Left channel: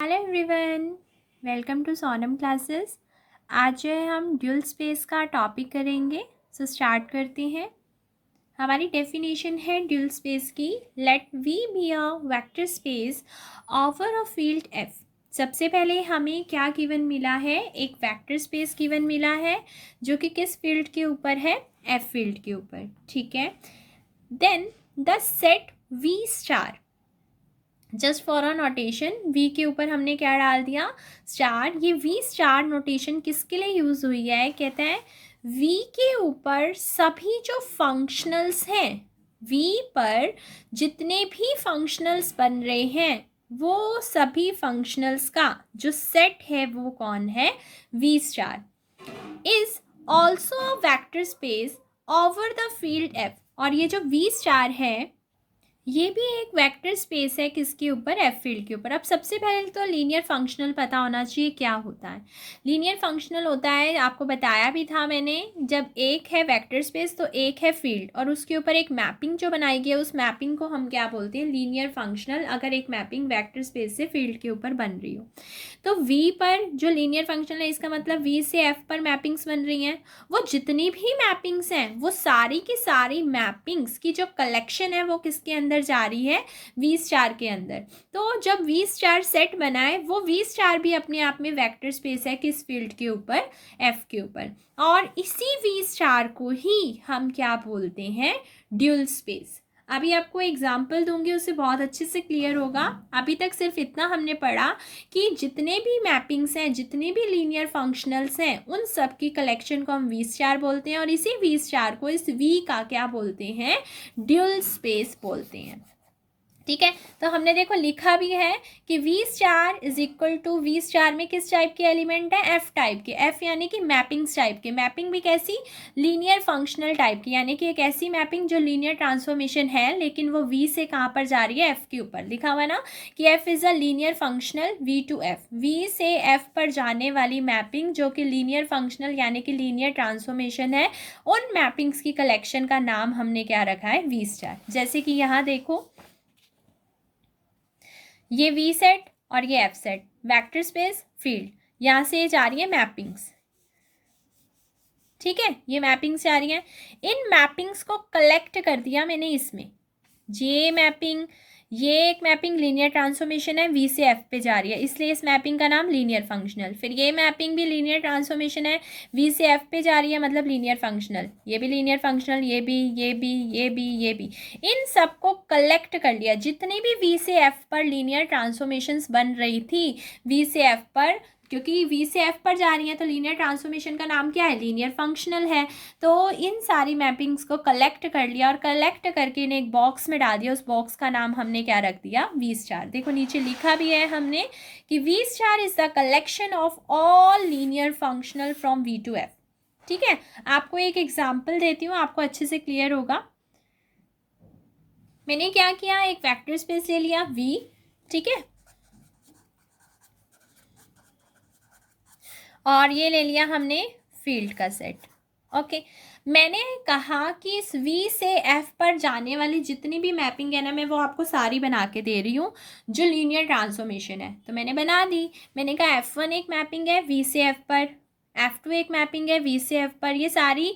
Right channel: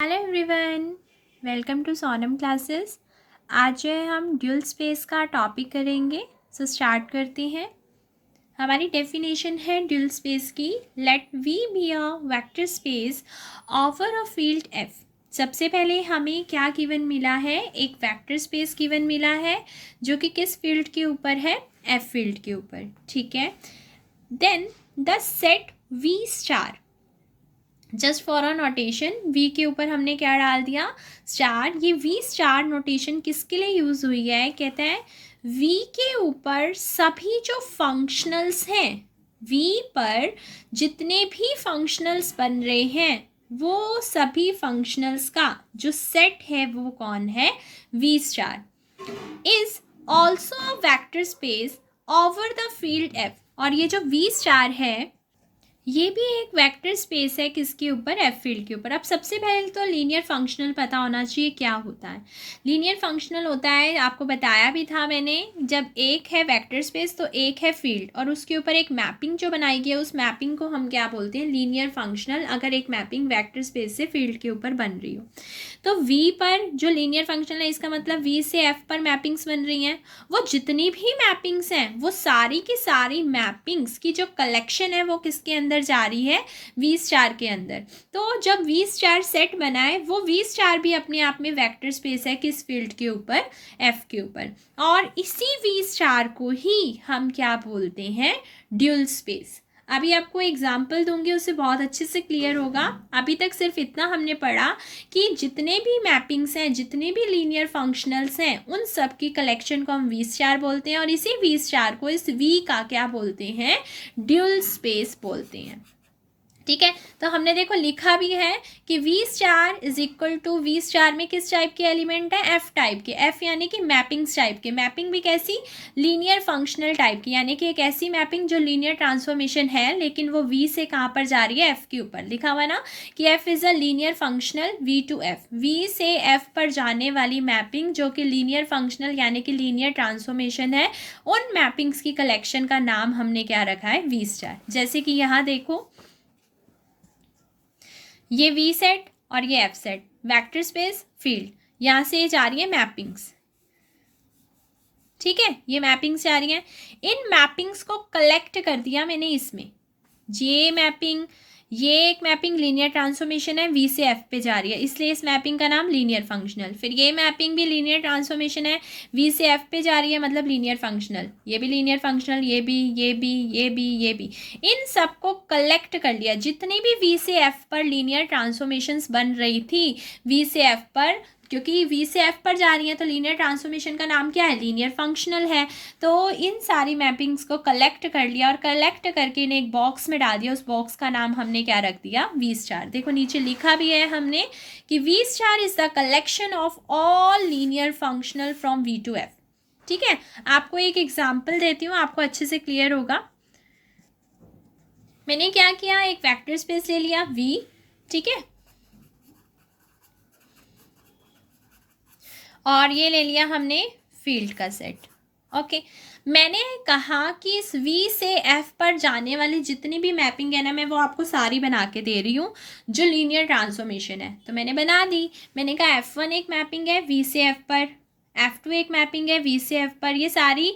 Hello everyone, welcome to Sonam classes. आज जो है हम ड्यूल स्पेस का टॉपिक करेंगे। स्टार्ट करते हैं। हमारी डेफिनेशन है ड्यूल स्पेस की। Let V be a vector space over a field F. सबसे पहले हमें क्या गिवन मिला है? एक वेक्टर स्पेस गिवन मिला है जो कि किस फील्ड के ऊपर है? एफ फील्ड के ऊपर। ठीक है। Then the set V star, just for a notation, V के ऊपर हमने क्या डाल दिया? स्टार। ये वी स्टार नोटेशन किसके लिए यूज हुई है? कहते हैं वी के ऊपर सभी जो फंक्शनल्स हैं, वी पर जितने भी फंक्शनल्स बन रहे हैं वो सभी फंक्शनल्स का जो सेट है वो कौन है? V star is also a vector space over the field F. और ये जो वी स्टार है ये भी एक वेक्टर स्पेस है किसके ऊपर? एफ फील्ड के ऊपर। अब सबसे पहले तो लीनियर फंक्शनल पता होना चाहिए क्या होता है। लीनियर फंक्शनल होता है, आपको बताया भी था मैंने, जब एक है वेक्टर स्पेस तो एक है फील्ड और उसके ऊपर एक मैपिंग जो बनाई गई है उस मैपिंग को हम क्या बोलते हैं? Linear functional. अगर एक मैपिंग वेक्टर स्पेस से फील्ड के ऊपर बन रही हो तो वी पर जो लीनियर फंक्शनल है, इसका मतलब वी से एफ पर मैपिंग्स बन रही हैं। वो जितनी भी मैपिंग्स हैं वो सारी की सारी मैपिंग्स की जो कलेक्शन है वो किसके अंदर जा रही है? वी स्टार के अंदर। तो जब वी स्टार सेट बनाए, वो वी स्टार भी अपने आप में वेक्टर स्पेस है किस फील्ड के ऊपर? एफ के ऊपर। और इसी वी स्टार को ही हम क्या बोलते हैं? Dual space. अभी आपको एग्जाम्पल दूंगी, उससे बहुत अच्छे से क्लियर होगा। अभी तक सिर्फ इतना हमने पढ़ा कि जितने भी मैपिंग्स हैं, जितने भी लीनियर फंक्शनल्स हैं, उन सब की कलेक्शन को हम वी स्टार बोलते हैं और इसी वी स्टार को, इस वी का क्या बोलते हैं? ड्यूल स्पेस बोलते हैं। ठीक है। तो हमने देखो लिखा भी है कि V star is equal to, V star में किस टाइप के एलिमेंट है? एफ टाइप के। एफ यानी कि मैपिंग्स टाइप के। मैपिंग भी कैसी? लीनियर फंक्शनल टाइप की, यानी कि एक ऐसी मैपिंग जो लीनियर ट्रांसफॉर्मेशन है लेकिन वो वी से कहाँ पर जा रही है? एफ के ऊपर। लिखा हुआ ना कि F is a linear functional V to F. V से एफ पर जाने वाली मैपिंग जो कि लीनियर फंक्शनल यानी कि लीनियर ट्रांसफॉर्मेशन है, उन मैपिंग्स की कलेक्शन का नाम हमने क्या रखा है? V star. जैसे कि यहाँ देखो, ये वी सेट और ये F set, vector space, field, यहां से ये जा रही है मैपिंग्स। ठीक है, ये मैपिंग्स जा रही हैं। इन मैपिंग्स को कलेक्ट कर दिया मैंने इसमें। ये मैपिंग, ये एक मैपिंग लीनियर ट्रांसफॉर्मेशन है, वी से एफ पे जा रही है, इसलिए इस मैपिंग का नाम लीनियर फंक्शनल। फिर ये मैपिंग भी लीनियर ट्रांसफॉर्मेशन है, वी से एफ पे जा रही है, मतलब लीनियर फंक्शनल। ये भी लीनियर फंक्शनल, ये भी, ये भी, ये भी, ये भी। इन सबको कलेक्ट कर लिया, जितनी भी वी से एफ पर लीनियर ट्रांसफॉर्मेशंस बन रही थी, वी से एफ पर, क्योंकि वी से एफ पर जा रही है तो लीनियर ट्रांसफॉर्मेशन का नाम क्या है? लीनियर फंक्शनल है। तो इन सारी मैपिंग्स को कलेक्ट कर लिया और कलेक्ट करके इन्हें एक बॉक्स में डाल दिया। उस बॉक्स का नाम हमने क्या रख दिया? V star. देखो नीचे लिखा भी है हमने कि V star is the collection of all linear functional from V to F. ठीक है। आपको एक एग्जाम्पल देती हूँ, आपको अच्छे से क्लियर होगा। मैंने क्या किया? एक वेक्टर स्पेस ले लिया वी। ठीक है, और ये ले लिया हमने फील्ड का सेट। ओके। मैंने कहा कि इस V से F पर जाने वाली जितनी भी मैपिंग है ना, मैं वो आपको सारी बना के दे रही हूँ जो लीनियर ट्रांसफॉर्मेशन है। तो मैंने बना दी। मैंने कहा F1 एक मैपिंग है V से F पर, F2 एक मैपिंग है V से F पर, ये सारी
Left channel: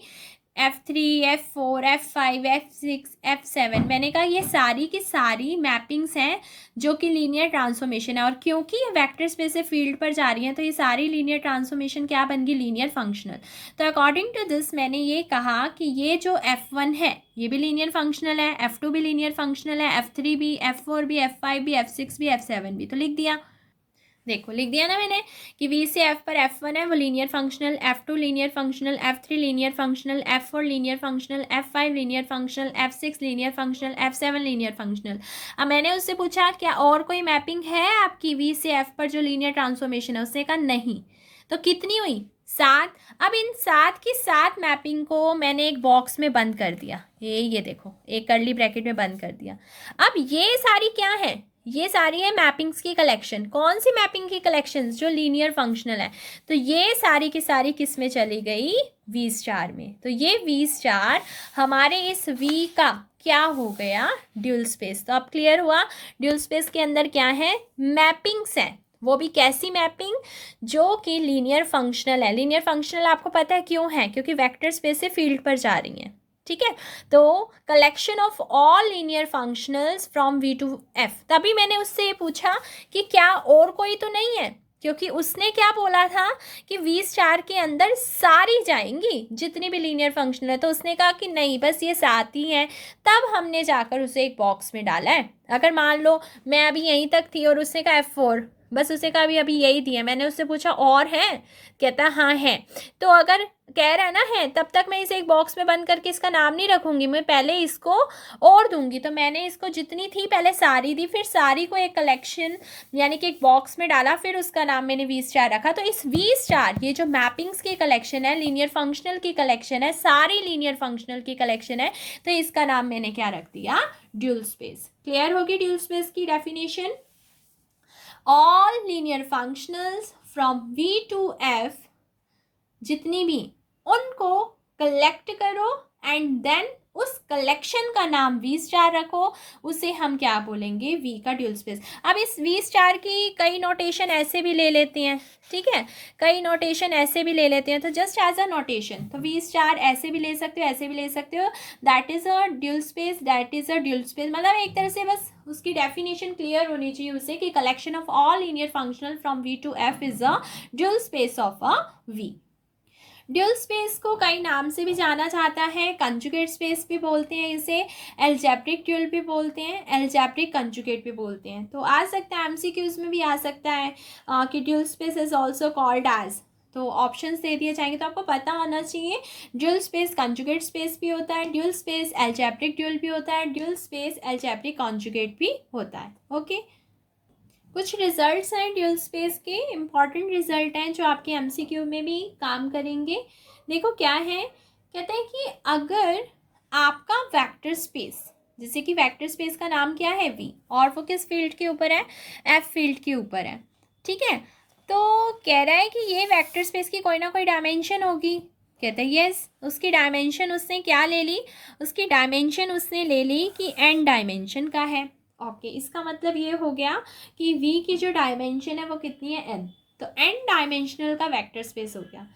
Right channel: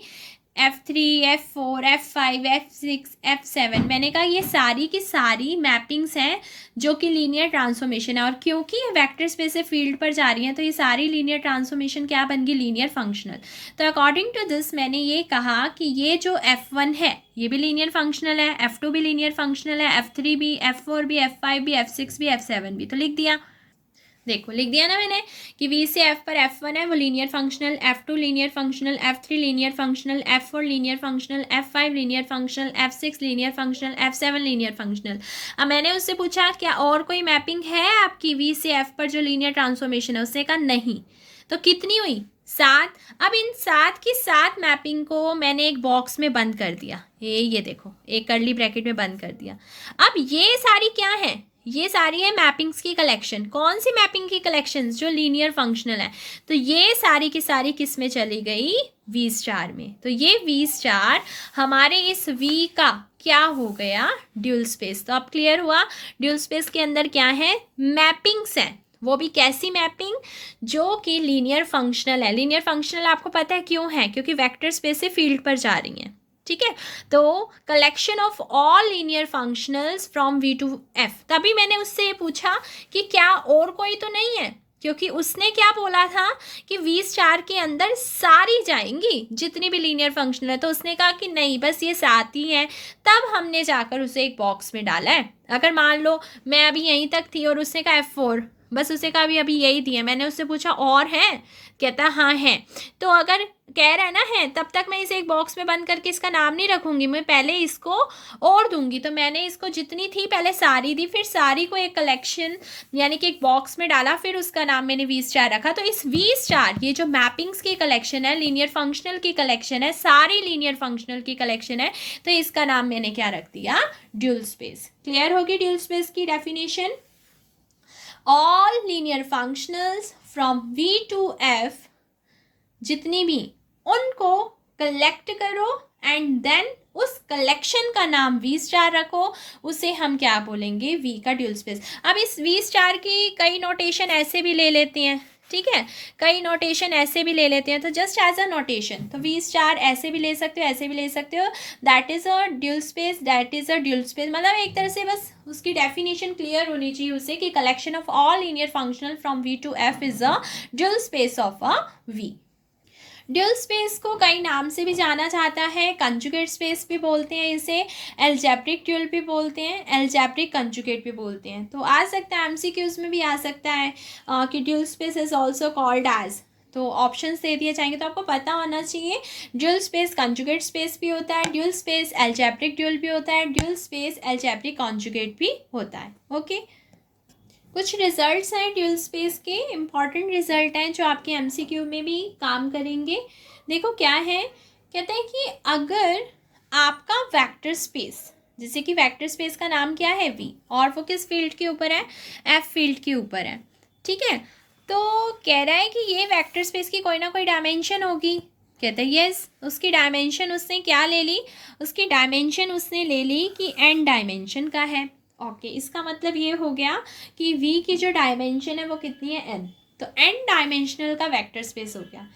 F3, F4, F5, F6, F7, मैंने कहा ये सारी की सारी मैपिंग्स हैं जो कि लीनियर ट्रांसफॉर्मेशन है। और क्योंकि ये वेक्टर स्पेस से फील्ड पर जा रही हैं तो ये सारी लीनियर ट्रांसफॉर्मेशन क्या बन गई? Linear functional. तो अकॉर्डिंग टू दिस मैंने ये कहा कि ये जो F1 है ये भी लीनियर फंक्शनल है, F2 भी लीनियर फंक्शनल है, F3 भी, F4 भी, F5 भी, F6 भी, F7 भी। तो लिख दिया। देखो लिख दिया ना मैंने कि वी से एफ पर F1 है वो linear functional, F2 linear functional, F3 linear functional, F4 linear functional, F5 linear functional, F6 linear functional, F7 linear functional. अब मैंने उससे पूछा क्या और कोई मैपिंग है आपकी वी से एफ पर जो लीनियर ट्रांसफॉर्मेशन है? उसने कहा नहीं। तो कितनी हुई? 7। अब इन 7 की 7 मैपिंग को मैंने एक बॉक्स में बंद कर दिया। ये देखो, एक कर्ली ब्रैकेट में बंद कर दिया। अब ये सारी क्या है? ये सारी है मैपिंग्स की कलेक्शन। कौन सी मैपिंग की कलेक्शंस? जो लीनियर फंक्शनल है। तो ये सारी की सारी किस में चली गई? वी स्टार में। तो ये वी स्टार हमारे इस वी का क्या हो गया? Dual space. तो अब क्लियर हुआ ड्यूल स्पेस के अंदर क्या है? मैपिंग्स है। वो भी कैसी मैपिंग, जो कि लीनियर फंक्शनल है। लीनियर फंक्शनल आपको पता है क्यों है, क्योंकि वेक्टर स्पेस से फील्ड पर जा रही हैं, ठीक है। तो collection of all linear functionals from V to F. तभी मैंने उससे ये पूछा कि क्या और कोई तो नहीं है, क्योंकि उसने क्या बोला था कि वी स्टार के अंदर सारी जाएंगी जितनी भी लीनियर फंक्शनल है, तो उसने कहा कि नहीं बस ये 7 ही हैं। तब हमने जाकर उसे एक बॉक्स में डाला है। अगर मान लो मैं अभी यहीं तक थी और उसने कहा F4, बस उसे कहा अभी यही दिया, मैंने उससे पूछा और है, कहता हाँ है। तो अगर कह रहा है ना है, तब तक मैं इसे एक बॉक्स में बंद करके इसका नाम नहीं रखूंगी, मैं पहले इसको और दूंगी। तो मैंने इसको जितनी थी पहले सारी दी, फिर सारी को एक कलेक्शन यानी कि एक बॉक्स में डाला, फिर उसका नाम मैंने वी स्टार रखा। तो इस वी स्टार, ये जो मैपिंग्स की कलेक्शन है, लीनियर फंक्शनल की कलेक्शन है, सारी लीनियर फंक्शनल की कलेक्शन है, तो इसका नाम मैंने क्या रख दिया, ड्यूल स्पेस। क्लियर होगी ड्यूल स्पेस की definition. All linear functionals from V to F, जितनी भी, उनको कलेक्ट करो एंड देन उस कलेक्शन का नाम वी स्टार रखो, उसे हम क्या बोलेंगे, वी का ड्यूल स्पेस। अब इस वी स्टार की कई नोटेशन ऐसे भी ले लेते हैं, ठीक है, कई नोटेशन ऐसे भी ले लेते हैं। तो जस्ट एज अ नोटेशन, तो वी स्टार ऐसे भी ले सकते हो, ऐसे भी ले सकते हो, that is a dual space, that is a dual space. मतलब एक तरह से बस उसकी डेफिनेशन क्लियर होनी चाहिए उसे कि collection of all linear functional from V to F is a dual space of a V. Dual space को कई नाम से भी जाना जाता है, कंजुगेट स्पेस भी बोलते हैं इसे, एल्जेब्रिक ड्यूल भी बोलते हैं, एल्जेब्रिक कंजुगेट भी बोलते हैं। तो आ सकता है एमसीक्यूज में भी आ सकता है कि dual space is also called as. तो ऑप्शंस दे दिए जाएंगे, तो आपको पता होना चाहिए ड्यूल स्पेस कंजुगेट स्पेस भी होता है, ड्यूल स्पेस एल्जेब्रिक ड्यूल भी होता है, ड्यूल स्पेस एल्जेब्रिक कंजुगेट भी होता है। ओके, कुछ रिजल्ट्स हैं ड्यूल स्पेस के, इम्पॉर्टेंट रिजल्ट हैं जो आपके एमसीक्यू में भी काम करेंगे। देखो क्या है, कहते हैं कि अगर आपका वेक्टर स्पेस, जैसे कि वेक्टर स्पेस का नाम क्या है, वी, और वो किस फील्ड के ऊपर है, एफ फील्ड के ऊपर है, ठीक है। तो कह रहा है कि ये वेक्टर स्पेस की कोई ना कोई डायमेंशन होगी। कहता है यस, उसकी डायमेंशन उसने क्या ले ली, उसकी डायमेंशन उसने ले ली कि एन डायमेंशन का है। ओके, इसका मतलब ये हो गया कि वी की जो डायमेंशन है वो कितनी है, एन। तो एन डायमेंशनल का वेक्टर स्पेस हो गया।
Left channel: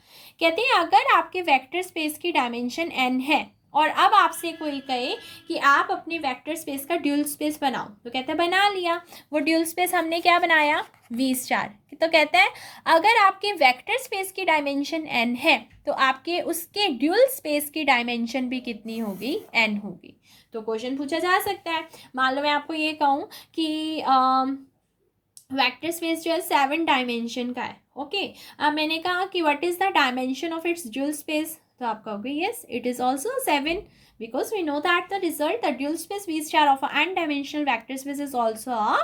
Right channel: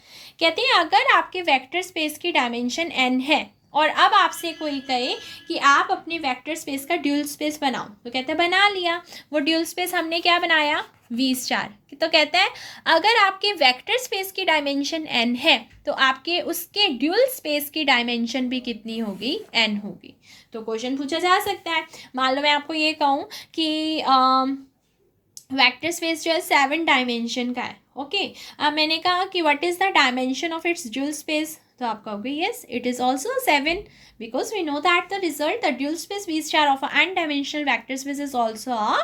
कहते हैं अगर आपके वेक्टर स्पेस की डायमेंशन एन है और अब आपसे कोई कहे कि आप अपने वेक्टर स्पेस का ड्यूल स्पेस बनाओ, तो कहते हैं बना लिया। वो ड्यूल स्पेस हमने क्या बनाया, वी स्टार। तो कहते हैं अगर आपके वेक्टर स्पेस की डायमेंशन एन है तो आपके उसके ड्यूल स्पेस की डायमेंशन भी कितनी होगी, एन होगी। तो क्वेश्चन पूछा जा सकता है, मान लो मैं आपको ये कहूँ कि वेक्टर स्पेस जो है 7 डायमेंशन का है। ओके, अब मैंने कहा कि what is the dimension of its dual space, तो आप कहोगे yes it is also 7, because we know that the result, the dual space v star of a n dimensional vector space is also a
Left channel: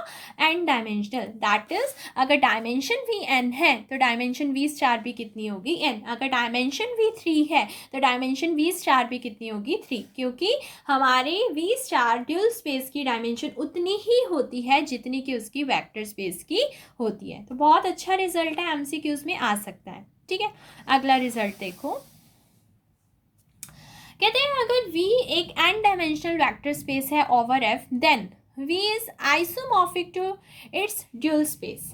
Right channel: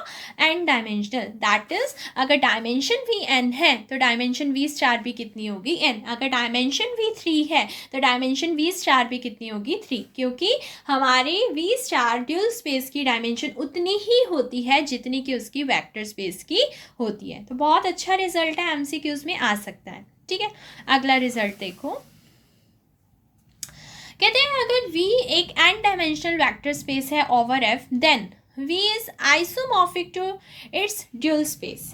n dimensional, that is अगर dimension भी n है तो dimension v star भी कितनी होगी, n। अगर dimension भी 3 है तो डायमेंशन v स्टार भी कितनी होगी, 3, क्योंकि हमारी v स्टार ड्यूल स्पेस की डायमेंशन उतनी ही होती है जितनी कि उसकी वेक्टर स्पेस की होती है। तो बहुत अच्छा रिजल्ट है, एमसीक्यूज में आ सकता है, ठीक है। अगला रिजल्ट देखो, कहते हैं अगर V एक n डायमेंशनल वेक्टर स्पेस है over F, then V is isomorphic to its dual space.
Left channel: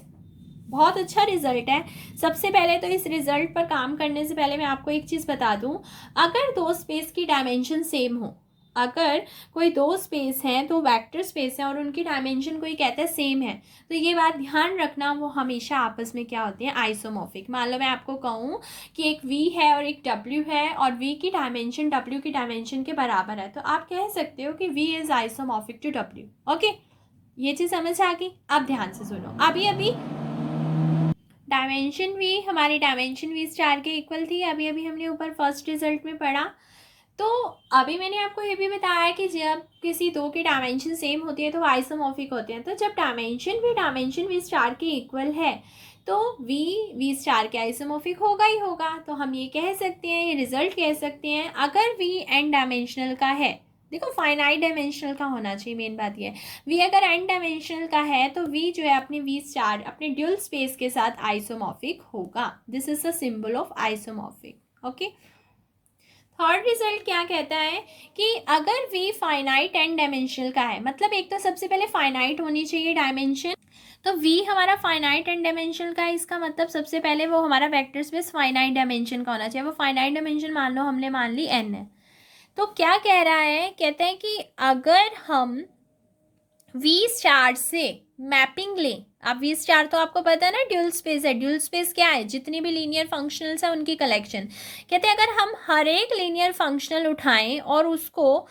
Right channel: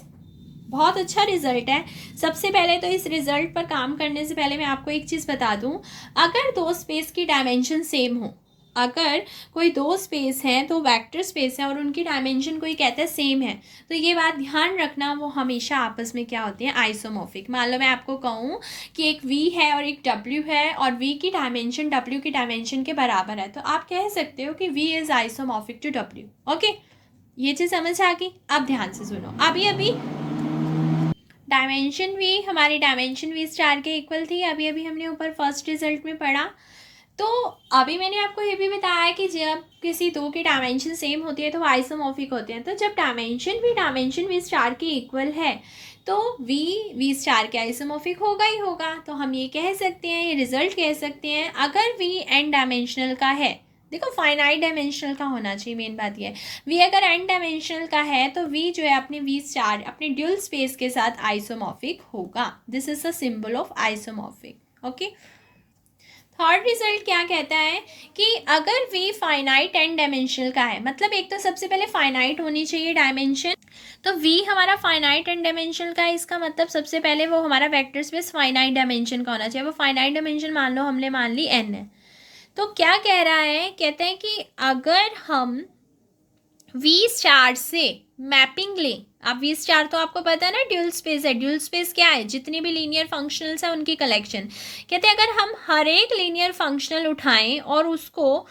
बहुत अच्छा रिजल्ट है। सबसे पहले तो इस रिजल्ट पर काम करने से पहले मैं आपको एक चीज़ बता दूं, अगर दो स्पेस की डायमेंशन सेम हो, अगर कोई दो स्पेस हैं तो वेक्टर स्पेस है और उनकी डायमेंशन कोई कहता है सेम है, तो ये बात ध्यान रखना वो हमेशा आपस में क्या होती है, आइसोमॉर्फिक। मान लो मैं आपको कहूँ कि एक V है और एक W है और V की डायमेंशन W की डायमेंशन के बराबर है, तो आप कह सकते हो कि V is isomorphic to W। Okay, ये चीज़ समझ आ गई। अब ध्यान से सुनो, अभी डायमेंशन भी हमारी डायमेंशन वी स्टार के इक्वल थी, अभी हमने ऊपर फर्स्ट रिजल्ट में पढ़ा। तो अभी मैंने आपको ये भी बताया कि जब किसी दो की डायमेंशन सेम होती है तो आइसोमॉर्फिक होते हैं। तो जब डायमेंशन वी स्टार के इक्वल है तो वी स्टार के आइसोमॉर्फिक होगा ही होगा। तो हम ये कह सकते हैं, ये रिजल्ट कह सकते हैं, अगर वी एन डायमेंशनल का है, देखो फाइनाइट डायमेंशनल का होना चाहिए, मेन बात ये है। वी अगर एन डायमेंशनल का है तो वी जो है अपने वी स्टार अपने ड्यूल स्पेस के साथ आइसोमॉर्फिक होगा। This is the symbol of isomorphic. Okay, third result क्या कहता है कि अगर वी फाइनाइट एन डायमेंशनल का है, मतलब एक तो सबसे पहले फाइनाइट होनी चाहिए डायमेंशन, तो V हमारा फाइनाइट एंड डायमेंशन का है, इसका मतलब सबसे पहले वो हमारा वेक्टर स्पेस फाइनाइट डायमेंशन का होना चाहिए। वो फाइनाइट डायमेंशन मान लो हमने मान ली n है। तो क्या कह रहा है, कहते हैं कि अगर हम V स्टार से मैपिंग लें, अब V स्टार तो आपको पता है ना ड्यूल स्पेस है। ड्यूल स्पेस क्या है, जितनी भी लीनियर फंक्शनल्स हैं उनकी कलेक्शन। कहते हैं अगर हम हर एक लीनियर फंक्शनल उठाएं और उसको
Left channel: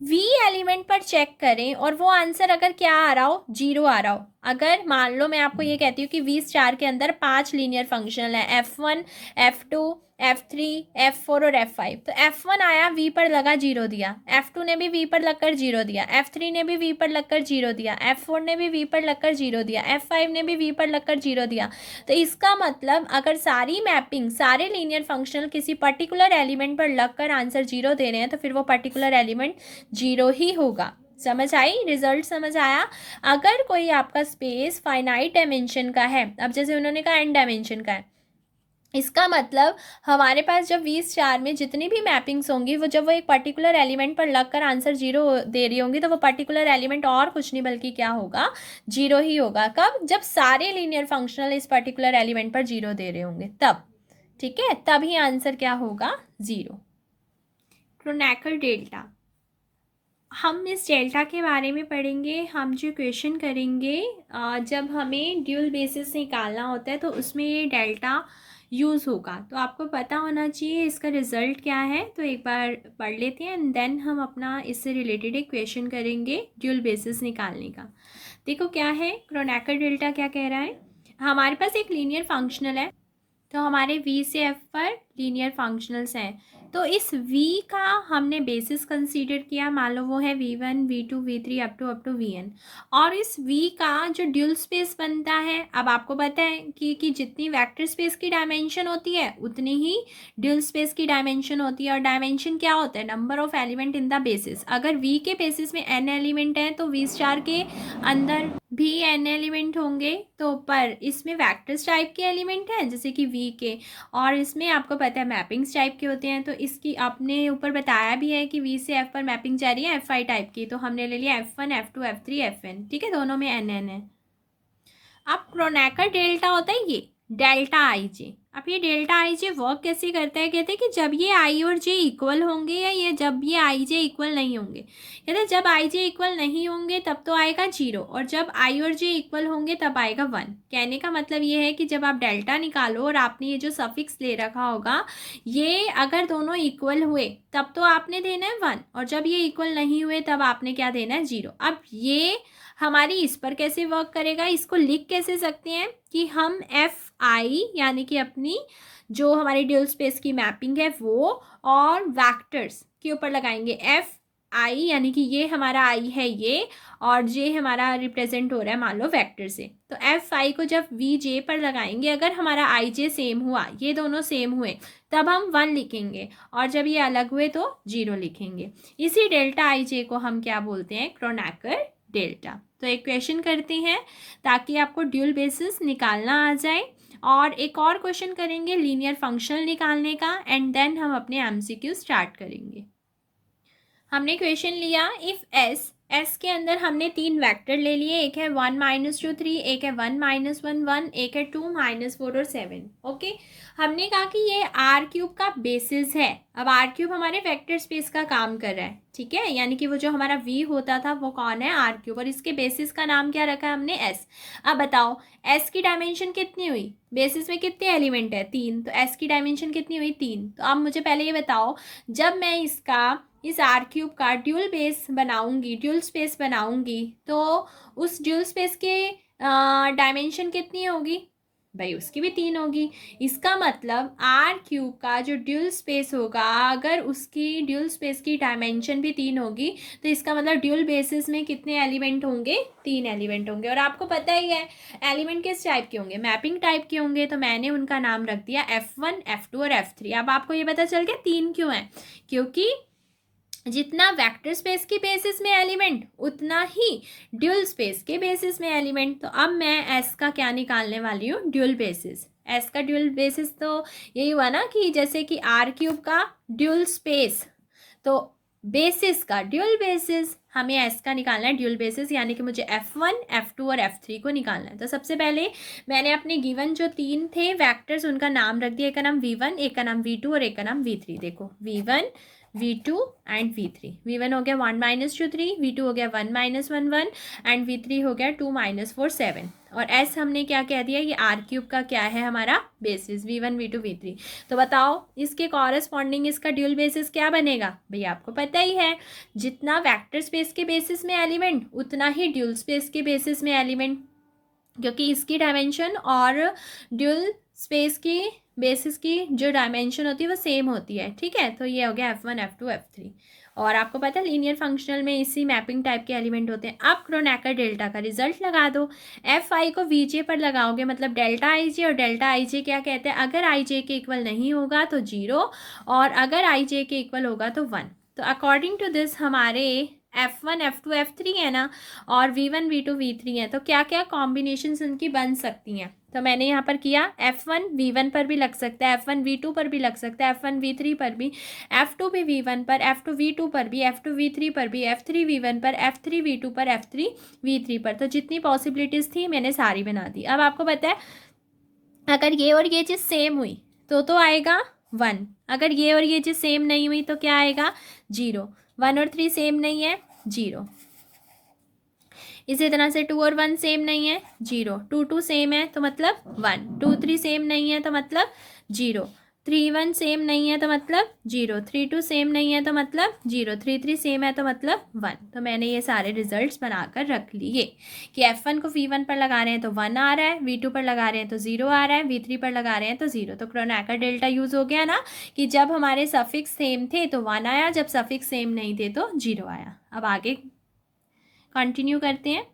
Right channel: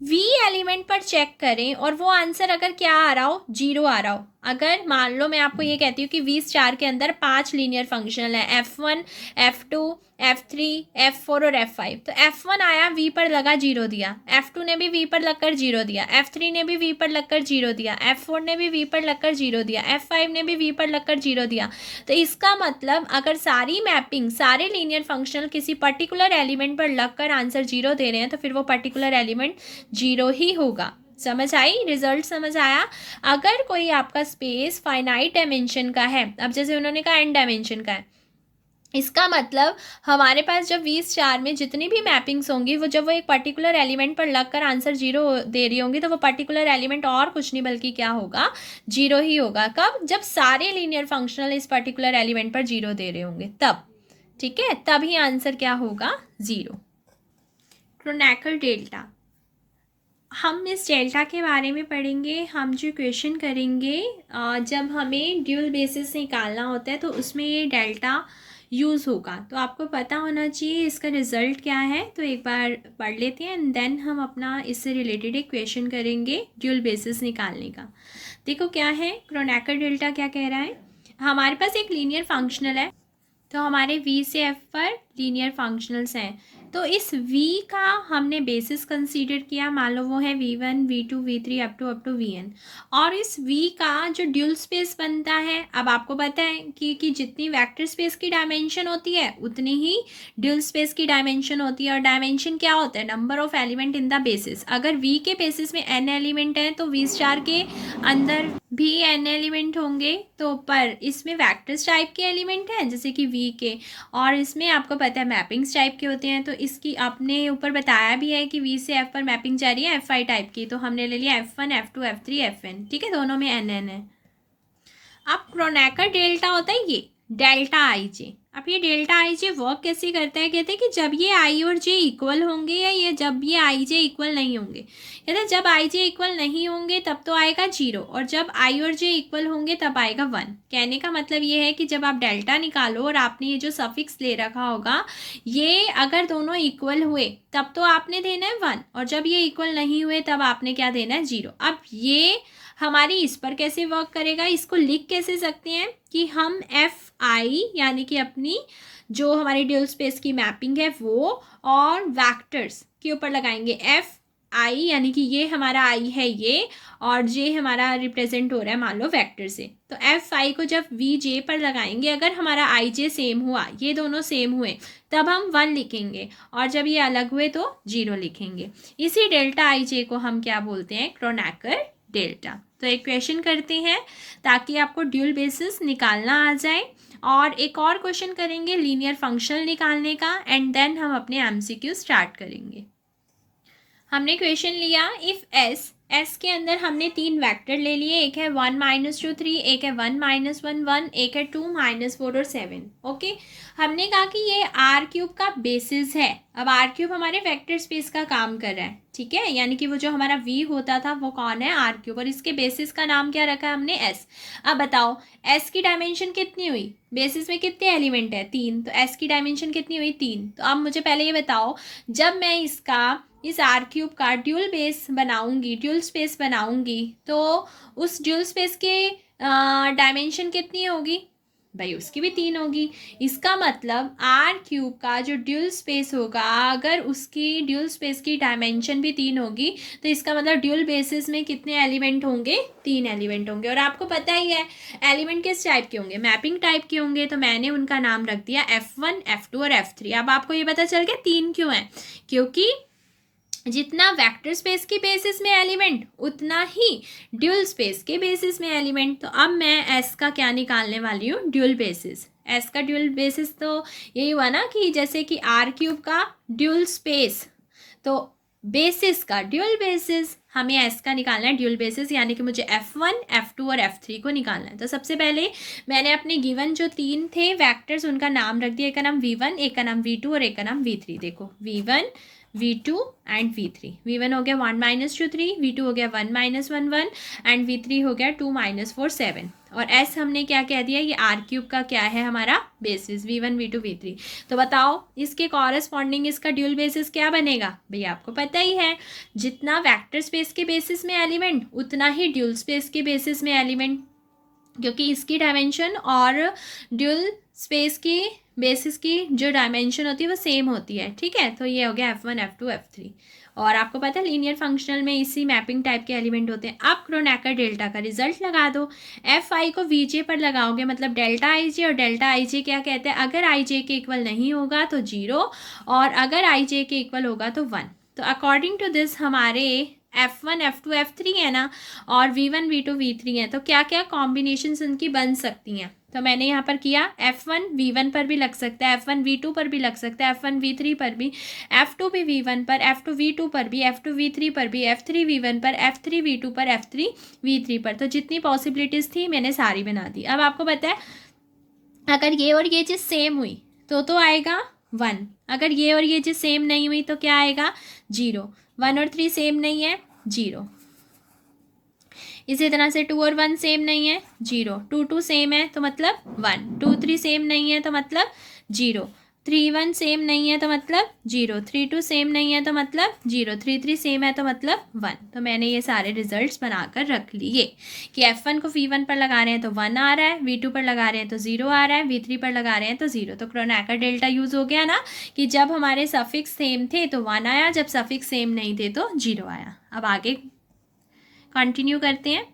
V एलिमेंट पर चेक करें और वो आंसर अगर क्या आ रहा हो, 0 आ रहा हो। अगर मान लो मैं आपको ये कहती हूँ कि V स्टार के अंदर 5 लीनियर फंक्शनल है, F1, F2, F3, F4 और F5। तो F1 आया, V पर लगा 0 दिया, F2 ने भी V पर लगकर 0 दिया, F3 ने भी V पर लगकर 0 दिया, F4 ने भी V पर लगकर 0 दिया, F5 ने भी V पर लगकर 0 दिया। तो इसका मतलब अगर सारी मैपिंग, सारे लीनियर फंक्शनल किसी पर्टिकुलर एलिमेंट पर लगकर आंसर 0 दे रहे हैं तो फिर वो पर्टिकुलर एलिमेंट 0 ही होगा। समझ आई, रिजल्ट समझ आया। अगर कोई आपका स्पेस फाइनाइट डायमेंशन का है, अब जैसे उन्होंने कहा n डायमेंशन का है, इसका मतलब हमारे पास जब V स्टार में जितनी भी मैपिंग्स होंगी वो जब वो एक पर्टिकुलर एलिमेंट पर लगकर आंसर 0 दे रही होंगी तो वो पर्टिकुलर एलिमेंट और कुछ नहीं बल्कि क्या होगा, 0 ही होगा। कब, जब सारे लीनियर फंक्शनल इस पर्टिकुलर एलिमेंट पर 0 दे रहे होंगे तब। ठीक है, तभी आंसर क्या होगा, 0। क्रोनेकल डेल्टा, हम इस डेल्टा के बारे में पढ़ेंगे। हम जो क्वेश्चन करेंगे जब हमें ड्यूल बेसिस निकालना होता है तो उसमें ये डेल्टा यूज़ होगा। तो आपको पता होना चाहिए इसका रिज़ल्ट क्या है। तो एक बार पढ़ लेते हैं एंड देन हम अपना इससे रिलेटेड एक क्वेश्चन करेंगे ड्यूल बेसिस निकालने का। देखो क्या है, क्रोनेकल डेल्टा क्या कह रहा है, हमारे पास एक लीनियर फंक्शनल है। तो हमारे V से F पर लीनियर फंक्शनल्स हैं। तो इस V का हमने बेसिस कंसीडर किया, मान लो वो है V1, V2, V3 up to Vn। और इस V का जो ड्यूल स्पेस बनता है, अब आपको पता है कि जितनी वेक्टर स्पेस की डायमेंशन होती है उतनी ही ड्यूल स्पेस की डायमेंशन होती है। और डायमेंशन क्या होता है, number of element in the basis. अगर V के बेसिस में n एलिमेंट हैं तो V स्टार के अंदर भी n एलिमेंट होंगे। तो पर इसमें वेक्टर्स टाइप के एलिमेंट हैं जैसे कि V के, और इसमें आपको पता है मैपिंग्स टाइप के होते हैं। तो इसकी आपने ऊपर बताया भी है कि V से F पर मैपिंग जा रही है F5 टाइप की। तो हमने ले लिया F1, F2, F3, Fn। ठीक है, दोनों में n है। अब क्रोनेकर डेल्टा होता है ये डेल्टा आई जे। अब ये डेल्टा आई जे वर्क कैसे करता है, कहते हैं कि जब ये आई और जे इक्वल होंगे या ये जब ये आई जे इक्वल नहीं होंगे। कहते हैं जब आई जे इक्वल नहीं होंगे तब तो आएगा 0 और जब आई और जे इक्वल होंगे तब आएगा 1। कहने का मतलब ये है कि जब आप डेल्टा निकालो और आपने ये जो सफिक्स ले रखा होगा, ये अगर दोनों इक्वल हुए तब तो आपने देना है 1 और जब ये इक्वल नहीं हुए तब आपने क्या देना है, 0। अब ये हमारी इस पर कैसे वर्क करेगा, इसको लिख कैसे सकते हैं कि हम एफ आई यानी कि अपनी जो हमारी ड्यूल स्पेस की मैपिंग है वो और वेक्टर्स के ऊपर लगाएंगे एफ आई यानी कि ये हमारा आई है ये, और जे हमारा रिप्रेजेंट हो रहा है मान लो वेक्टर से। तो एफ आई को जब वी जे पर लगाएंगे, अगर हमारा आई जे सेम हुआ, ये दोनों सेम हुए, तब हम 1 लिखेंगे और जब ये अलग हुए तो 0 लिखेंगे। इसी डेल्टा आई जे को हम क्या बोलते हैं, क्रोनेकर डेल्टा। तो एक क्वेश्चन करते हैं ताकि आपको ड्यूल बेसिस निकालना आ जाए, और एक और क्वेश्चन करेंगे लीनियर फंक्शनल निकालने का एंड देन हम अपने एमसीक्यू स्टार्ट करेंगे। हमने क्वेश्चन लिया इफ़ एस के अंदर हमने 3 वेक्टर ले लिए, एक है 1 -2 3, एक है 1 -1 1, एक है 2 -4 और 7। ओके, हमने कहा कि ये R³ का बेसिस है। अब R³ हमारे वेक्टर स्पेस का काम कर रहा है, ठीक है, यानी कि वो जो हमारा V होता था वो कौन है, R³ और इसके बेसिस का नाम क्या रखा है हमने, S। अब बताओ S की डायमेंशन कितनी हुई, बेसिस में कितने एलिमेंट है, 3, तो S की डायमेंशन कितनी हुई, 3। तो अब मुझे पहले ये बताओ, जब मैं इस R³ का ड्यूल बेस बनाऊंगी, ड्यूल स्पेस बनाऊंगी, तो उस ड्यूल स्पेस के डायमेंशन कितनी होगी भाई, उसकी भी 3 होगी। इसका मतलब R³ का जो ड्यूल स्पेस होगा, अगर उसकी ड्यूल स्पेस की डायमेंशन भी 3 होगी तो इसका मतलब ड्यूल बेसिस में कितने एलिमेंट होंगे, 3 एलिमेंट होंगे। और आपको पता ही है एलिमेंट किस टाइप के होंगे, मैपिंग टाइप के होंगे। तो मैंने उनका नाम रख दिया F1, F2 और F3। अब आपको ये पता चल गया 3 क्यों है, क्योंकि जितना वेक्टर स्पेस की बेसिस में एलिमेंट उतना ही ड्यूल स्पेस के बेसिस में एलिमेंट। तो अब मैं एस का क्या निकालने वाली हूँ, ड्यूल बेसिस। एस का ड्यूल बेसिस तो यही हुआ ना कि जैसे कि R³ का ड्यूल स्पेस, तो बेसिस का ड्यूल बेसिस, हमें एस का निकालना है ड्यूल बेसिस, यानी कि मुझे F1 F2 और F3 को निकालना है। तो सबसे पहले मैंने अपने गिवन जो 3 थे वेक्टर्स उनका नाम रख दिया, एक का नाम V1, एक का नाम V2 और एक का नाम V3। देखो V1 V2 and V3। V1 हो गया 1 - 2 3, V2 हो गया 1 - 1 1 एंड V3 हो गया 2 - 4 7। और S हमने क्या कह दिया, ये R³ का क्या है हमारा बेसिस, V1 V2 V3। तो बताओ इसके कॉरेस्पॉन्डिंग इसका ड्यूल बेसिस क्या बनेगा, भैया आपको पता ही है, जितना वेक्टर स्पेस के बेसिस में एलिमेंट उतना ही ड्यूल स्पेस के बेसिस में एलिमेंट, क्योंकि इसकी डायमेंशन और ड्यूल स्पेस की बेसिस की जो डायमेंशन होती है वो सेम होती है। ठीक है, तो ये हो गया F1 F2 F3। और आपको पता है लीनियर फंक्शनल में इसी मैपिंग टाइप के एलिमेंट होते हैं। अब क्रोनेकर डेल्टा का रिजल्ट लगा दो, एफ आई को वी जे पर लगाओगे, मतलब डेल्टा आई जे, और डेल्टा आई जे क्या कहते हैं, अगर आई जे के इक्वल नहीं होगा तो 0 और अगर आई जे के इक्वल होगा तो 1। तो अकॉर्डिंग टू दिस हमारे F1 F2 F3 है ना, और V1 V2 V3 है, तो क्या क्या कॉम्बिनेशंस उनकी बन सकती हैं। तो मैंने यहाँ पर किया, F1 V1 पर भी लग सकता है, F1 V2 पर भी लग सकता है, F1 V3 पर भी, F2 भी V1 पर, F2 V2 पर भी, F2 V3 पर भी, F3 V1 पर, F3 V2 पर, F3 V3 पर। तो जितनी पॉसिबिलिटीज़ थी मैंने सारी बना दी। अब आपको पता है अगर ये और ये चीज़ सेम हुई तो आएगा 1, अगर ये और ये चीज़ सेम नहीं हुई तो क्या आएगा 0। 1 और 3 सेम नहीं है 0। इसी तरह से 2 और 1 सेम नहीं है 0। 2 2 सेम है तो मतलब 1। 2 3 सेम नहीं है तो मतलब 0। 3 1 सेम नहीं है तो मतलब 0। 3 2 सेम नहीं है तो मतलब 0। 3 3 सेम है तो मतलब 1। तो मैंने ये सारे रिजल्ट्स बनाकर रख लिए कि F1 को V1 पर लगा रहे हैं तो 1 आ रहा है, V2 पर लगा रहे हैं तो 0 आ रहा है, V3 पर लगा रहे हैं तो 0। तो क्रोनेकर डेल्टा यूज़ हो गया ना, कि जब हमारे सफिक्स सेम थे तो 1 आया, जब सफिक्स सेम नहीं थे तो 0 आया। अब आगे कंटिन्यू करते हैं।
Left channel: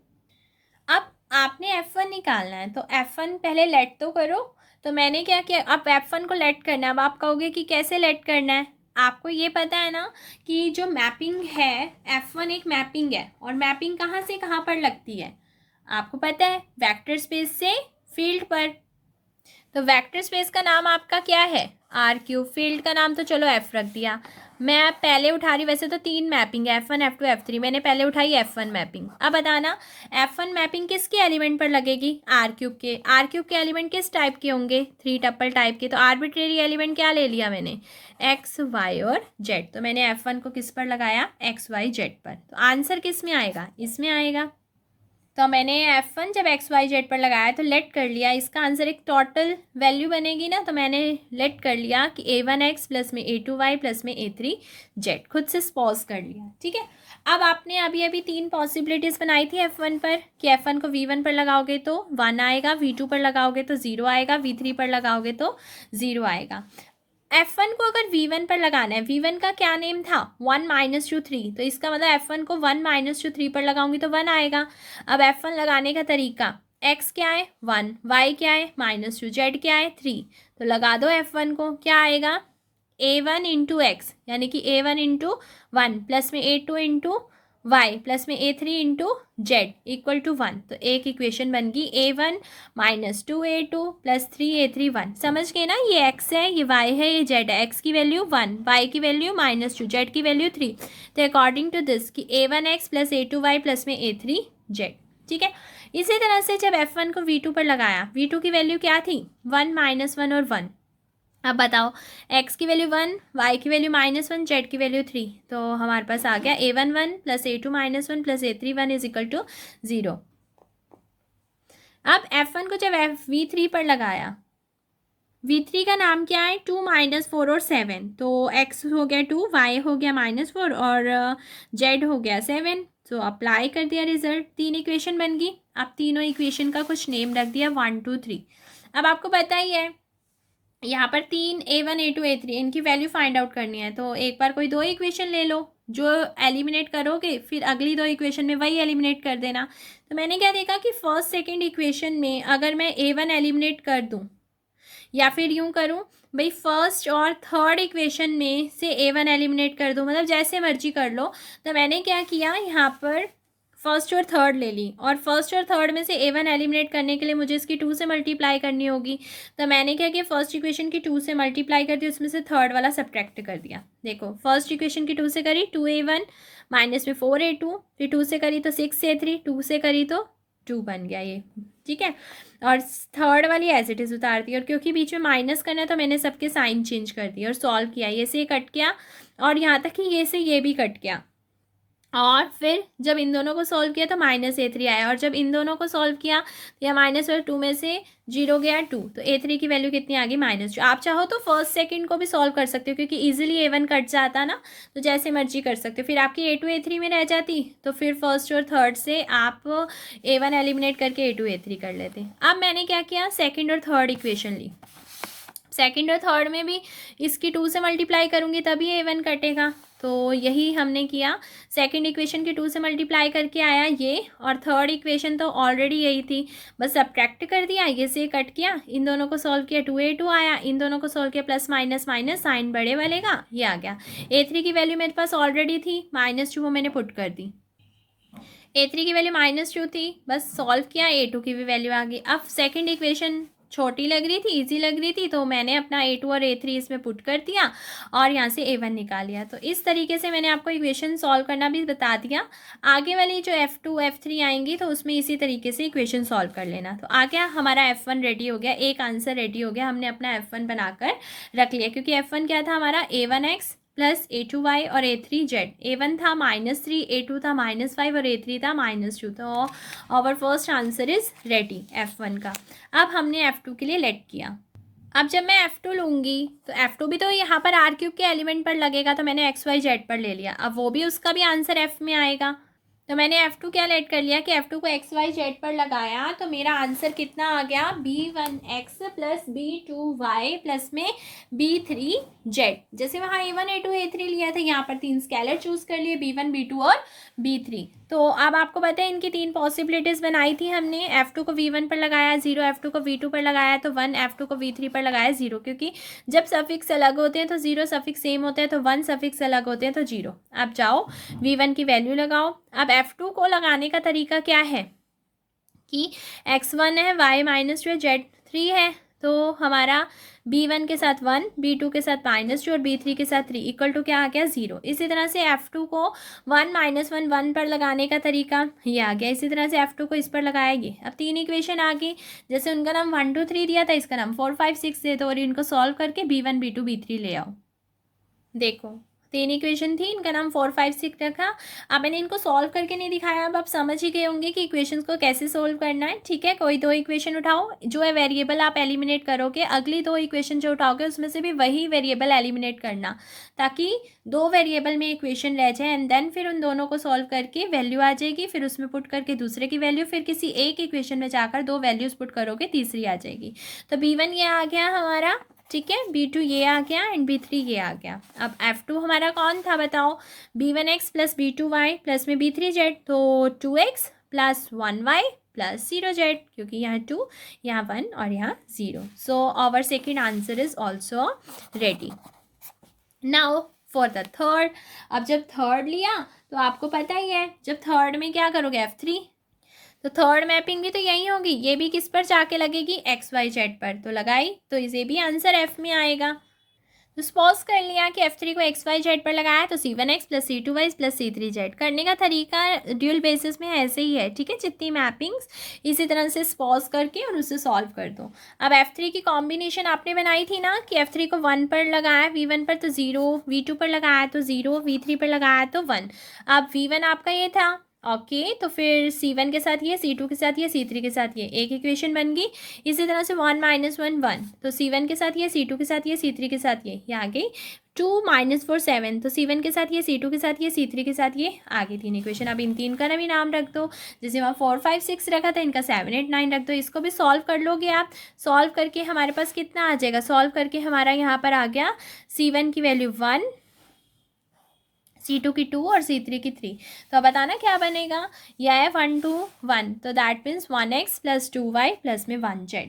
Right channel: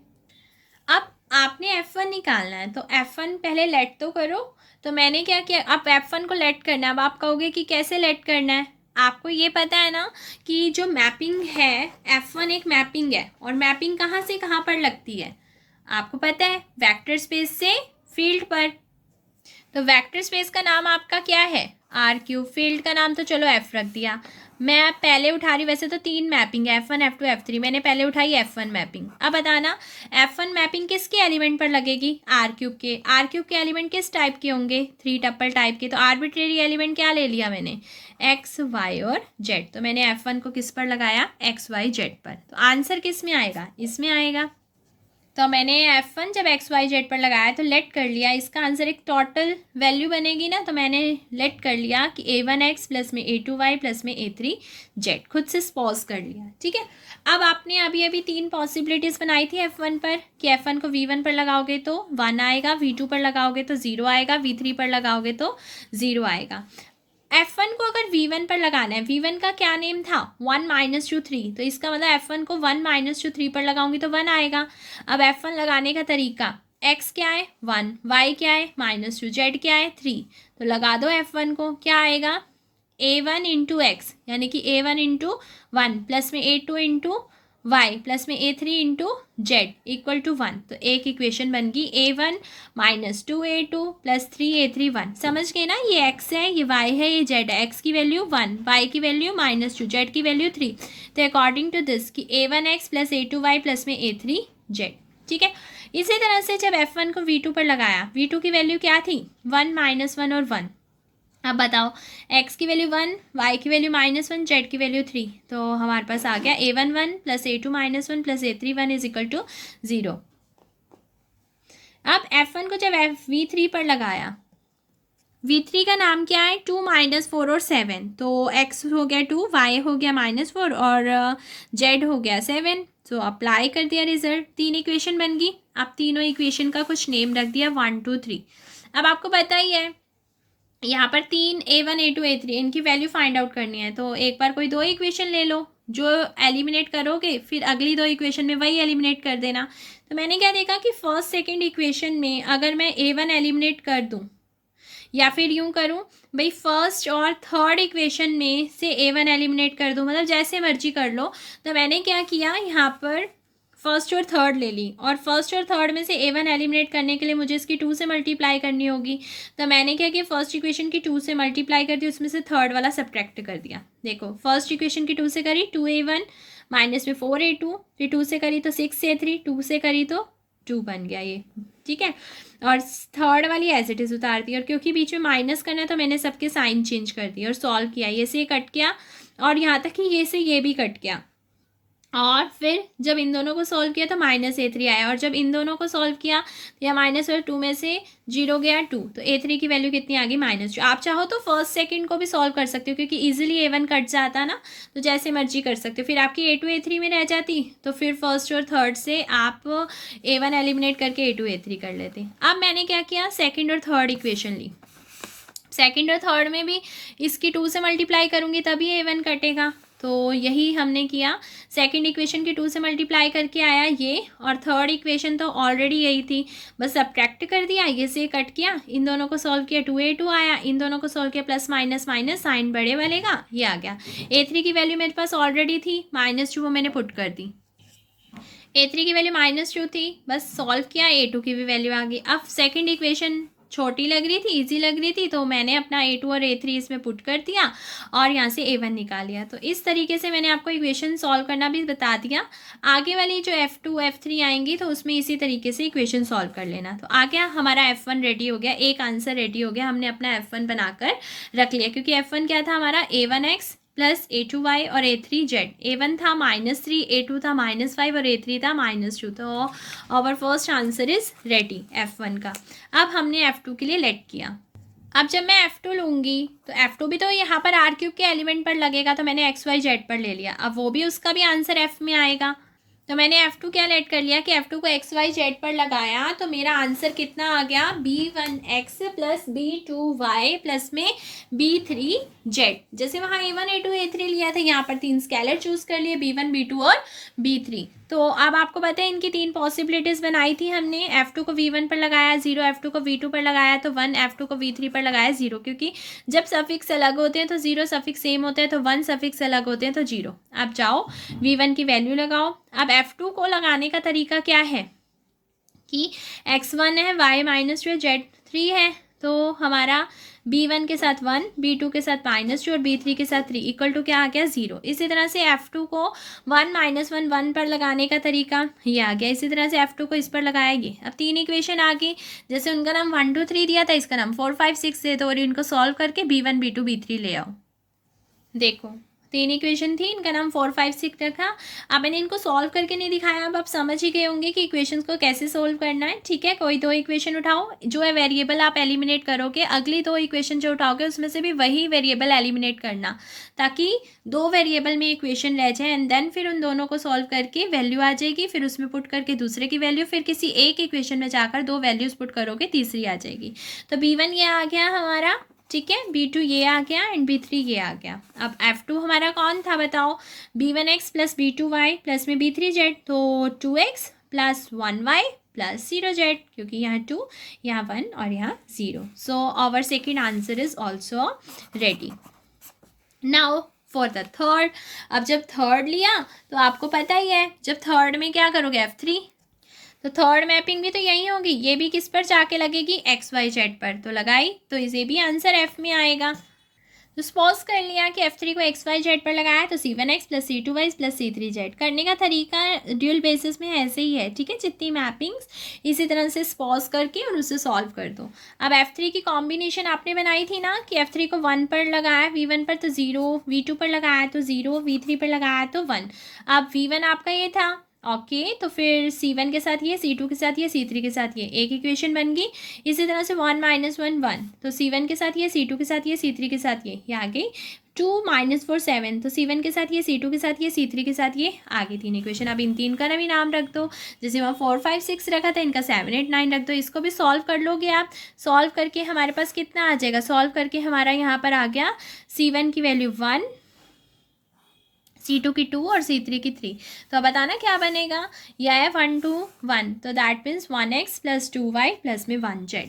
अब आपने F1 निकालना है तो F1 पहले लेट तो करो। तो मैंने क्या किया, अब F1 को लेट करना है। अब आप कहोगे कि कैसे लेट करना है, आपको ये पता है ना कि जो मैपिंग है F1 एक मैपिंग है, और मैपिंग कहाँ से कहाँ पर लगती है आपको पता है, वेक्टर स्पेस से फील्ड पर। तो वेक्टर स्पेस का नाम आपका क्या है R³, फील्ड का नाम तो चलो F रख दिया। मैं पहले उठा रही, वैसे तो 3 मैपिंग है F1 F2 F3, मैंने पहले उठाई F1 मैपिंग। अब बताना F1 मैपिंग किसके एलिमेंट पर लगेगी, R³ के। R³ के एलिमेंट किस टाइप के होंगे, 3 टप्पल टाइप के। तो आर्बिट्रेरी एलिमेंट क्या ले लिया मैंने, X Y और Z। तो मैंने F1 को किस पर लगाया, X Y Z पर। तो आंसर किस में आएगा, इसमें आएगा। तो मैंने F1 जब X Y Z पर लगाया तो लेट कर लिया, इसका आंसर एक टोटल वैल्यू बनेगी ना, तो मैंने लेट कर लिया कि A1X प्लस में A2Y प्लस में A3Z, खुद से पॉज कर लिया। ठीक है, अब आपने अभी अभी 3 पॉसिबिलिटीज़ बनाई थी F1 पर, कि F1 को V1 पर लगाओगे तो 1 आएगा, V2 पर लगाओगे तो 0 आएगा, V3 पर लगाओगे तो 0 आएगा। F1 को अगर V1 पर लगाना है, V1 का क्या नेम था 1 - 2 3, तो इसका मतलब F1 को 1 - 2 3 पर लगाऊंगी तो 1 आएगा। अब F1 लगाने का तरीका, X क्या है 1, Y क्या है -2, Z क्या है 3, तो लगा दो F1 को, क्या आएगा A1 इंटू एक्स, यानी कि A1 इंटू 1 प्लस में A2 इंटू वाई प्लस में A3 into Z equal to 1। तो एक इक्वेशन बन गई A1 - 2A2 प्लस 3A3 1। समझ गए ना, ये x है, ये y है, ये z है। x की वैल्यू 1, y की वैल्यू -2, z की वैल्यू 3। तो अकॉर्डिंग टू दिस कि A1x प्लस A2y प्लस में A3z। ठीक है, इसी तरह से जब F1 को V2 पर लगाया, V2 की वैल्यू क्या थी 1 -1 और 1। अब बताओ x की वैल्यू 1, y की वैल्यू -1, z की वैल्यू 3। तो हमारे पास आ गया A1 1 plus A2 -1 plus A3 1 is equal to 0। अब F1 को जब V3 पर लगाया, V3 का नाम क्या है 2 -4 और 7। तो x हो गया 2, y हो गया -4 और z हो गया 7। तो अप्लाई कर दिया रिजल्ट, 3 इक्वेशन बन गई। अब तीनों इक्वेशन का कुछ नेम रख दिया 1 2 3। अब आपको पता ही है यहाँ पर 3 A1 A2 A3 इनकी वैल्यू फाइंड आउट करनी है। तो एक बार कोई 2 इक्वेशन ले लो, जो एलिमिनेट करोगे फिर अगली 2 इक्वेशन में वही एलिमिनेट कर देना। तो मैंने क्या देखा कि फर्स्ट सेकंड इक्वेशन में अगर मैं A1 एलिमिनेट कर दूँ, या फिर यूँ करूँ भाई फर्स्ट और थर्ड इक्वेशन में से A1 एलिमिनेट कर दूँ, मतलब जैसे मर्जी कर लो। तो मैंने क्या किया, यहाँ पर फर्स्ट और थर्ड ले ली, और फर्स्ट और थर्ड में से A1 एलिमिनेट करने के लिए मुझे इसकी 2 से मल्टीप्लाई करनी होगी। तो मैंने क्या किया, फर्स्ट इक्वेशन की 2 से मल्टीप्लाई कर दी, उसमें से थर्ड वाला सब्ट्रैक्ट कर दिया। देखो फर्स्ट इक्वेशन की 2 से करी 2A1 माइनस में 4A2, फिर 2 से करी तो 6A3, 2 से करी तो 2 बन गया ये, ठीक है। और थर्ड वाली एज इट इज़ उतार दी, और क्योंकि बीच में माइनस करना है तो मैंने सबके साइन चेंज कर दिए और सॉल्व किया। ये से ये कट गया और यहाँ तक कि ये से ये भी कट गया, और फिर जब इन दोनों को सॉल्व किया तो -A3 आया, और जब इन दोनों को सॉल्व किया तो यह माइनस और 2 में से 0 गया 2, तो A3 की वैल्यू कितनी आ गई -2। आप चाहो तो फर्स्ट सेकंड को भी सॉल्व कर सकते हो, क्योंकि इजीली A1 कट जाता ना, तो जैसे मर्जी कर सकते हो। फिर आपकी A2 A3 में रह जाती, तो फिर फर्स्ट और थर्ड से आप A1 एलिमिनेट करके A2 A3 कर लेते। अब मैंने क्या किया, सेकेंड और थर्ड इक्वेशन ली। सेकेंड और थर्ड में भी इसकी 2 से मल्टीप्लाई करूँगी तभी A1 कटेगा, तो यही हमने किया। सेकंड इक्वेशन की 2 से मल्टीप्लाई करके आया ये, और थर्ड इक्वेशन तो ऑलरेडी यही थी, बस सब्ट्रैक्ट कर दिया, ये से कट किया, इन दोनों को सॉल्व किया 2A2 आया, इन दोनों को सॉल्व किया प्लस माइनस माइनस साइन बड़े वाले का ये आ गया। A3 की वैल्यू मेरे पास ऑलरेडी थी -2, वो मैंने पुट कर दी। A3 की वैल्यू -2 थी, बस सॉल्व किया, A2 की भी वैल्यू आ गई। अब सेकेंड इक्वेशन छोटी लग रही थी, इजी लग रही थी, तो मैंने अपना A2 और A3 इसमें पुट कर दिया और यहाँ से A1 निकाल लिया। तो इस तरीके से मैंने आपको इक्वेशन सॉल्व करना भी बता दिया। आगे वाली जो F2 F3 आएंगी तो उसमें इसी तरीके से इक्वेशन सॉल्व कर लेना। तो आ गया हमारा F1 रेडी हो गया, एक आंसर रेडी हो गया, हमने अपना F1 बनाकर रख लिया, क्योंकि F1 क्या था हमारा A1x प्लस A2y और A3z। A1 था -3, A2 था -5 और A3 था -2। तो our first answer is ready F1 का। अब हमने F2 के लिए लेट किया। अब जब मैं F2 लूँगी तो F2 भी तो यहाँ पर R³ के एलिमेंट पर लगेगा, तो मैंने XYZ पर ले लिया। अब वो भी उसका भी आंसर F में आएगा, तो मैंने F2 क्या लेट कर लिया कि F2 को XYZ पर लगाया, तो मेरा आंसर कितना आ गया, B1x प्लस B2y प्लस में B3z। जैसे वहाँ A1 A2 A3 लिया था, यहाँ पर 3 स्केलर चूज कर लिए, B1 B2 और B3। तो अब आपको पता है इनकी 3 पॉसिबिलिटीज़ बनाई थी हमने। F2 को V1 पर लगाया 0, F2 को V2 पर लगाया तो 1, F2 को V3 पर लगाया 0, क्योंकि जब सफिक्स अलग होते हैं तो 0, सफिक्स सेम होते हैं तो 1, सफिक्स अलग होते हैं तो 0। अब जाओ V1 की वैल्यू लगाओ। अब F2 को लगाने का तरीका क्या है कि x1 है, y -2 है, z3 है, तो हमारा B1 के साथ 1, B2 के साथ -2 और B3 के साथ 3 इक्वल टू क्या आ गया 0। इसी तरह से F2 को 1 -1 1 पर लगाने का तरीका ये आ गया। इसी तरह से F2 को इस पर लगाएगी। अब 3 इक्वेशन आ गई, जैसे उनका नाम 1 2 3 दिया था, इसका नाम 4 5 6 दे दो और इनको सॉल्व करके B1 B2 B3 ले आओ। देखो 3 इक्वेशन थी, इनका नाम 4 5 6 रखा। अब मैंने इनको सॉल्व करके नहीं दिखाया, अब आप समझ ही गए होंगे कि इक्वेशंस को कैसे सोल्व करना है, ठीक है। कोई 2 इक्वेशन उठाओ, जो है वेरिएबल आप एलिमिनेट करोगे, अगली 2 इक्वेशन जो उठाओगे उसमें से भी वही वेरिएबल एलिमिनेट करना, ताकि 2 वेरिएबल में इक्वेशन रह जाए, एंड देन फिर उन दोनों को सॉल्व करके वैल्यू आ जाएगी, फिर उसमें पुट करके दूसरे की वैल्यू, फिर किसी एक इक्वेशन में जाकर 2 वैल्यूज पुट करोगे, तीसरी आ जाएगी। तो B1 ये आ गया हमारा, ठीक है, B2 ये आ गया एंड B3 ये आ गया। अब F2 हमारा कौन था बताओ, B1x प्लस B2y प्लस में B3z, तो 2x plus 1y plus 0z, क्योंकि यहाँ 2 यहाँ 1 और यहाँ 0। So our second answer is also ready. Now for the third. अब जब थर्ड लिया तो आपको पता ही है, जब थर्ड में क्या करोगे F3, तो थर्ड मैपिंग भी तो यही होगी, ये भी किस पर जाके लगेगी XYZ पर, तो लगाई, तो इसे भी आंसर F में आएगा। तो सपोज कर लिया कि F3 को XYZ पर लगाया, तो C1x plus C2y plus C3z। करने का तरीका ड्यूल बेसिस में ऐसे ही है, ठीक है। जितनी मैपिंग्स इसी तरह से सपोज करके और उसे सॉल्व कर दो। अब F3 की कॉम्बिनेशन आपने बनाई थी ना कि F3 को 1 पर लगाया V1 पर तो 0, V2 पर लगाया तो 0, V3 पर लगाया तो 1। अब V1 आपका ये था, ओके तो फिर C1 के साथ ये, C2 के साथ ये, C3 के साथ ये, एक इक्वेशन बन गई। इसी तरह से 1 -1 1, तो C1 के साथ ये, C2 के साथ ये, C3 के साथ ये आ गई। 2 -4 7, तो C1 के साथ ये, C2 के साथ ये, C3 के साथ ये आ गई 3 इक्वेशन। अब इन 3 का भी नाम रख दो, जैसे वहाँ 4 5 6 रखा था, इनका 7 8 9 रख दो। इसको भी सॉल्व कर लोगे आप। सॉल्व करके हमारे पास कितना आ जाएगा, सॉल्व करके हमारा यहाँ पर आ गया C1 की वैल्यू 1, C2 की 2 और C3 की 3। तो अब बताना क्या बनेगा, यह है 1 2 1, तो that means 1x plus 2y plus में 1z।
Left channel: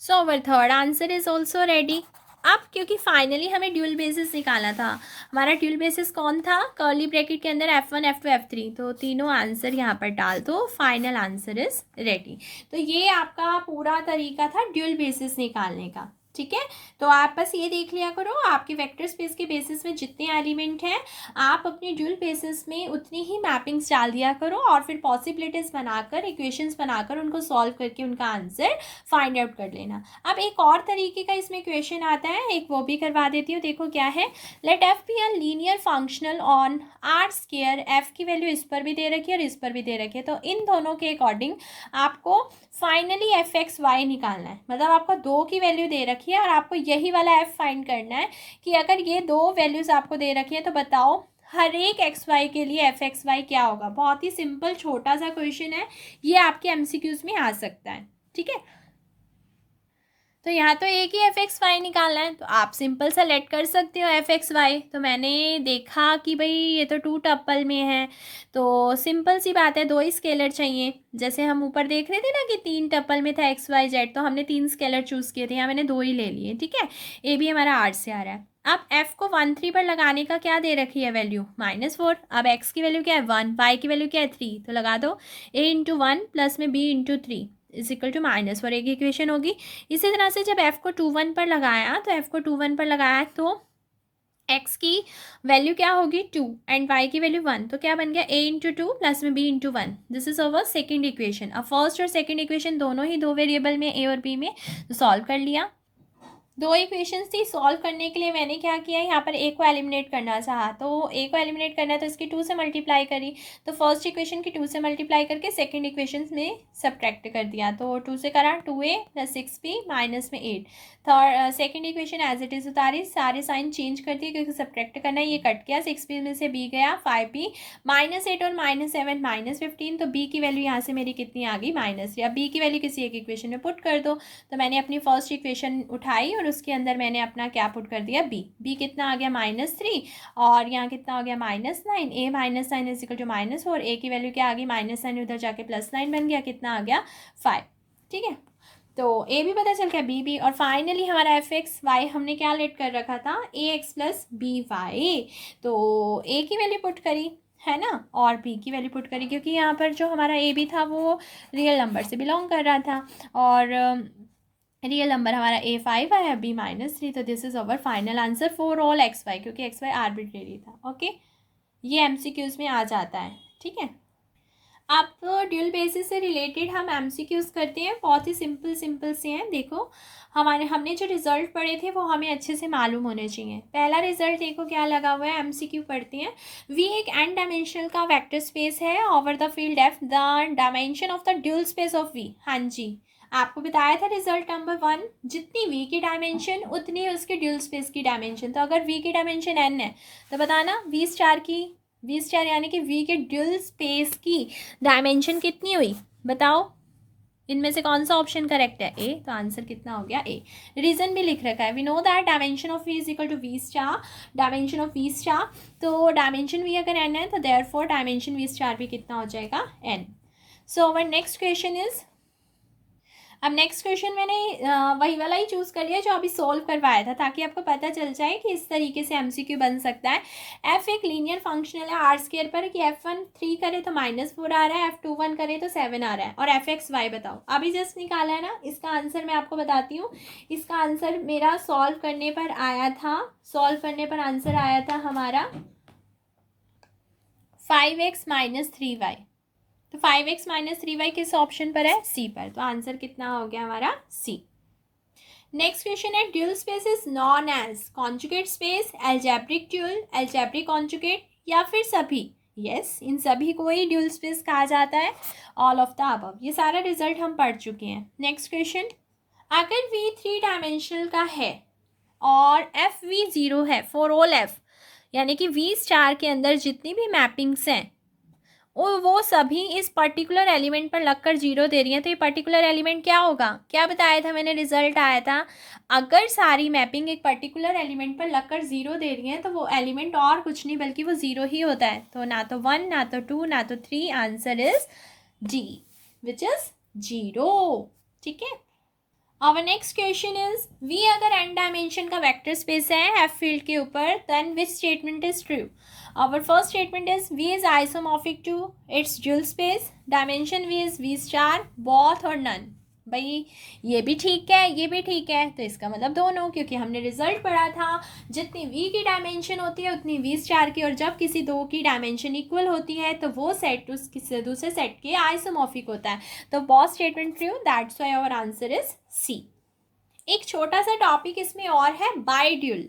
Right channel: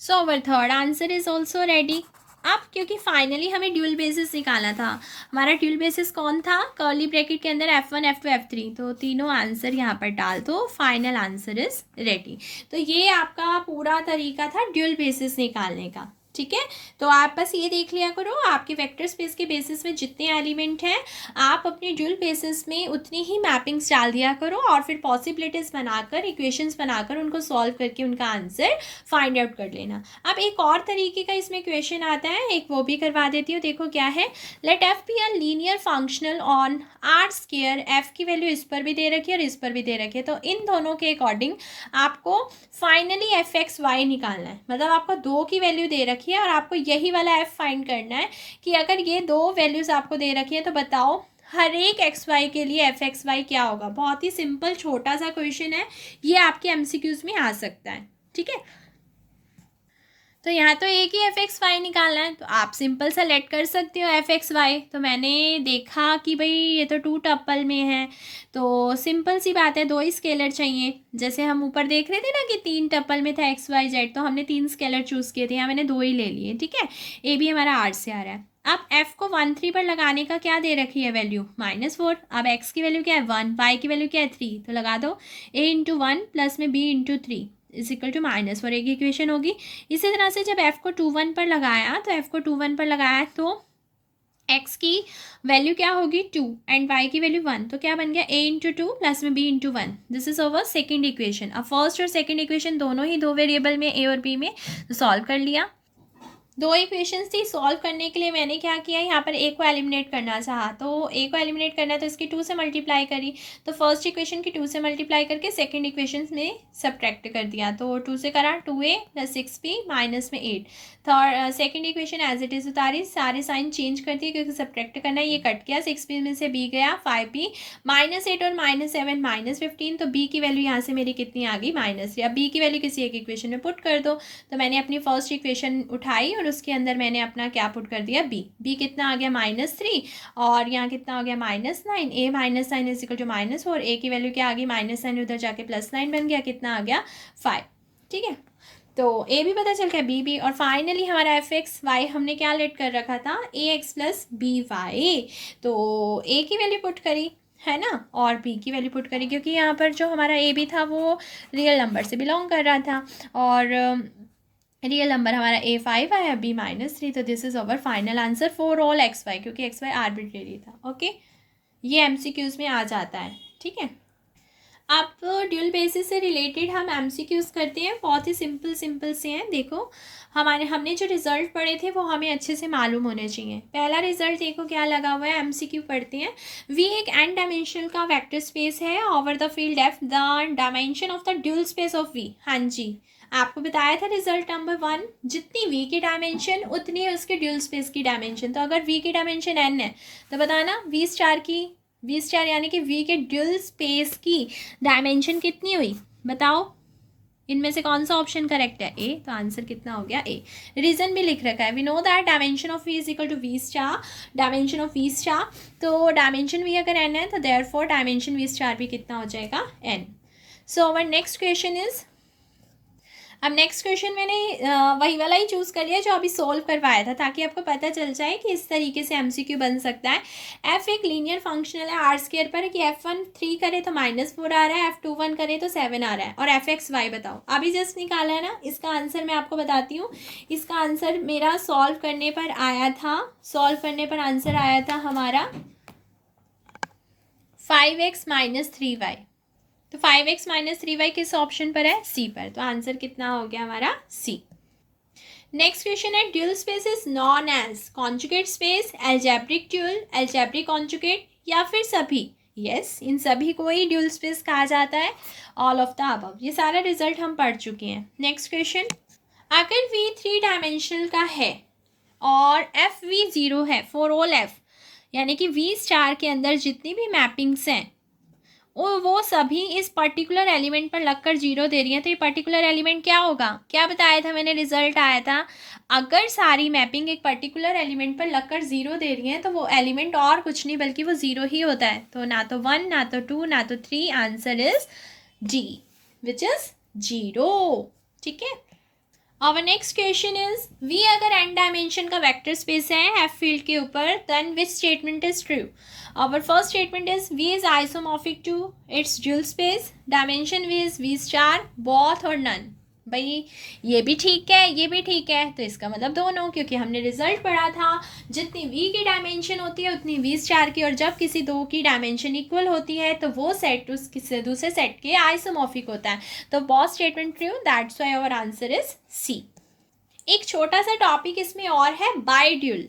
So our third answer is also ready. अब क्योंकि फाइनली हमें ड्यूल बेसिस निकालना था, हमारा ड्यूल बेसिस कौन था, कर्ली ब्रैकेट के अंदर F1 F2 F3, तो तीनों आंसर यहाँ पर डाल दो, फाइनल आंसर इज रेडी। तो ये आपका पूरा तरीका था ड्यूल बेसिस निकालने का। ठीक है, तो आप बस ये देख लिया करो, आपके वेक्टर स्पेस के बेसिस में जितने एलिमेंट हैं आप अपने ड्यूल बेसिस में उतनी ही मैपिंग्स डाल दिया करो, और फिर पॉसिबिलिटीज़ बनाकर, इक्वेशंस बनाकर उनको सॉल्व करके उनका आंसर फाइंड आउट कर लेना। अब एक और तरीके का इसमें इक्वेशन आता है, एक वो भी करवा देती हूँ। देखो क्या है, let F be a linear functional on R square, F की वैल्यू इस पर भी दे रखी है और इस पर भी दे रखी है, तो इन दोनों के अकॉर्डिंग आपको फाइनली एफ एक्स वाई निकालना है। मतलब आपको दो की वैल्यू दे रखी है और आपको यही वाला एफ फाइंड करना है कि अगर ये दो वैल्यूज़ आपको दे रखी है तो बताओ हर एक एक्स वाई के लिए एफ एक्स वाई क्या होगा। बहुत ही सिंपल छोटा सा क्वेश्चन है, ये आपके एमसीक्यूज में आ सकता है। ठीक है, तो यहाँ तो एक ही एफ एक्स वाई निकालना है, तो आप सिंपल सा लेट कर सकते हो एफ एक्स वाई। तो मैंने देखा कि भाई ये तो 2 टप्पल में है, तो सिंपल सी बात है, 2 ही स्केलर चाहिए। जैसे हम ऊपर देख रहे थे ना कि 3 टप्पल में था एक्स वाई जेड, तो हमने 3 स्केलर चूज़ किए थे, यहाँ मैंने 2 ही ले लिए। ठीक है, ए भी हमारा आर से आ रहा है। अब एफ को 1 3 पर लगाने का क्या दे रखी है वैल्यू, -4। अब एक्स की वैल्यू क्या है 1, वाई की वैल्यू क्या है 3, तो लगा दो a इंटू 1 प्लस में b into 3 is equal to -4, एक इक्वेशन होगी। इसी तरह से जब f को 2 1 पर लगाया, तो f को 2 1 पर लगाया तो x की वैल्यू क्या होगी 2 एंड y की वैल्यू 1, तो क्या बन गया a इंटू 2 प्लस में b into 1। This is over second equation. अब फर्स्ट और सेकेंड इक्वेशन दोनों ही 2 वेरिएबल में a और b में, तो सॉल्व कर लिया। 2 इक्वेशंस थी, सॉल्व करने के लिए मैंने क्या किया, यहाँ पर ए को एलिमिनेट करना चाहा, तो ए को एलिमिनेट करना है तो इसकी 2 से मल्टीप्लाई करी, तो फर्स्ट इक्वेशन की 2 से मल्टीप्लाई करके सेकंड इक्वेशन में सब्ट्रैक्ट कर दिया, तो 2 से करा 2a प्लस 6b माइनस में 8। Third second equation as it is उतारी, सारे साइन चेंज कर दिए क्योंकि सब्ट्रैक्ट करना है, ये कट गया, 6b में से b गया 5b, -8 और -7 -15, तो b की वैल्यू यहाँ से मेरी कितनी आ गई -3। अब b की वैल्यू किसी एक इक्वेशन में पुट कर दो, तो मैंने अपनी फर्स्ट इक्वेशन उठाई और उसके अंदर मैंने अपना क्या पुट कर दिया b कितना आ गया -3, और यहाँ कितना हो गया -9, a -9 is equal to -4, a की वैल्यू क्या आ गई -9 उधर जाके +9 बन गया, कितना आ गया 5। ठीक है, तो a भी पता चल गया, b भी, और फाइनली हमारा एफ एक्स वाई हमने क्या लेट कर रखा था a x plus B Y, तो a की वैल्यू पुट करी है ना, और b की वैल्यू पुट करी, क्योंकि यहाँ पर जो हमारा a भी था वो रियल नंबर से बिलोंग कर रहा था, और रियल नंबर हमारा a5 आया, b -3, तो this is our final answer for all X Y, क्योंकि एक्स वाई आर्बिट्रेरी था। ओके, ये एमसीक्यूज में आ जाता है। ठीक है, अब ड्यूल बेसिस से रिलेटेड हम एमसीक्यूज करते हैं, बहुत ही सिंपल से हैं। देखो हमने जो रिजल्ट पढ़े थे वो हमें अच्छे से मालूम होने चाहिए। पहला रिजल्ट देखो क्या लगा हुआ है, एमसीक्यू पढ़ते हैं। वी एक n डायमेंशनल का वेक्टर स्पेस है over the field F, the dimension of the dual space of V. हाँ जी, आपको बताया था रिजल्ट नंबर 1, जितनी v की डायमेंशन उतनी उसके ड्यूल स्पेस की डायमेंशन। तो अगर v की डायमेंशन n है तो बताना v स्टार यानी कि v के ड्यूल स्पेस की डायमेंशन कितनी हुई, बताओ इनमें से कौन सा ऑप्शन करेक्ट है, ए, तो आंसर कितना हो गया ए। रीजन भी लिख रखा है, we know that dimension of V is equal to V star, dimension of V star, तो डायमेंशन वी अगर एन है तो देयरफॉर डायमेंशन वी स्टार भी कितना हो जाएगा N. So our next question is, अब नेक्स्ट क्वेश्चन मैंने वही वाला ही चूज़ कर लिया जो अभी सोल्व करवाया था, ताकि आपको पता चल जाए कि इस तरीके से एमसीक्यू बन सकता है। एफ एक लीनियर फंक्शनल है आर स्क्वायर पर, कि F1 3 करे तो -4 आ रहा है, F2 1 करे तो 7 आ रहा है, और एफ एक्स वाई बताओ। अभी जस्ट निकाला है ना, इसका आंसर मैं आपको बताती हूँ। इसका आंसर मेरा सॉल्व करने पर आया था, आंसर आया था हमारा 5x - 3y। तो 5x - 3y किस ऑप्शन पर है, सी पर, तो आंसर कितना हो गया हमारा सी। नेक्स्ट क्वेश्चन है, dual space is known as conjugate space, algebraic dual, algebraic conjugate, या फिर सभी। यस, इन सभी को ही ड्यूल स्पेस कहा जाता है, ऑल ऑफ द अबव। ये सारा रिजल्ट हम पढ़ चुके हैं। नेक्स्ट क्वेश्चन, अगर v 3 डायमेंशनल का है और एफ वी 0 है फॉर ऑल एफ, यानी कि v स्टार के अंदर जितनी भी मैपिंग्स हैं वो सभी इस पर्टिकुलर एलिमेंट पर लगकर 0 दे रही हैं, तो ये पर्टिकुलर एलिमेंट क्या होगा, क्या बताया था मैंने, रिजल्ट आया था अगर सारी मैपिंग एक पर्टिकुलर एलिमेंट पर लगकर 0 दे रही हैं तो वो एलिमेंट और कुछ नहीं बल्कि वो 0 ही होता है। तो ना तो 1, ना तो 2, ना तो 3, answer is D, which is 0। ठीक है, our next question is V अगर एन डायमेंशन का वेक्टर स्पेस है एफ फील्ड के ऊपर then which statement is true. Our first statement is V is isomorphic to its dual space. Dimension V is V star, both और none. भाई ये भी ठीक है, ये भी ठीक है, तो इसका मतलब दोनों, क्योंकि हमने रिजल्ट पढ़ा था जितनी वी की डायमेंशन होती है उतनी वी स्टार की, और जब किसी दो की डायमेंशन इक्वल होती है तो वो सेट उस किसी दूसरे सेट के आइसोमॉर्फिक होता है. तो both statement true, that's why our answer is C. एक छोटा सा टॉपिक इसमें और है, बाईड्यूल.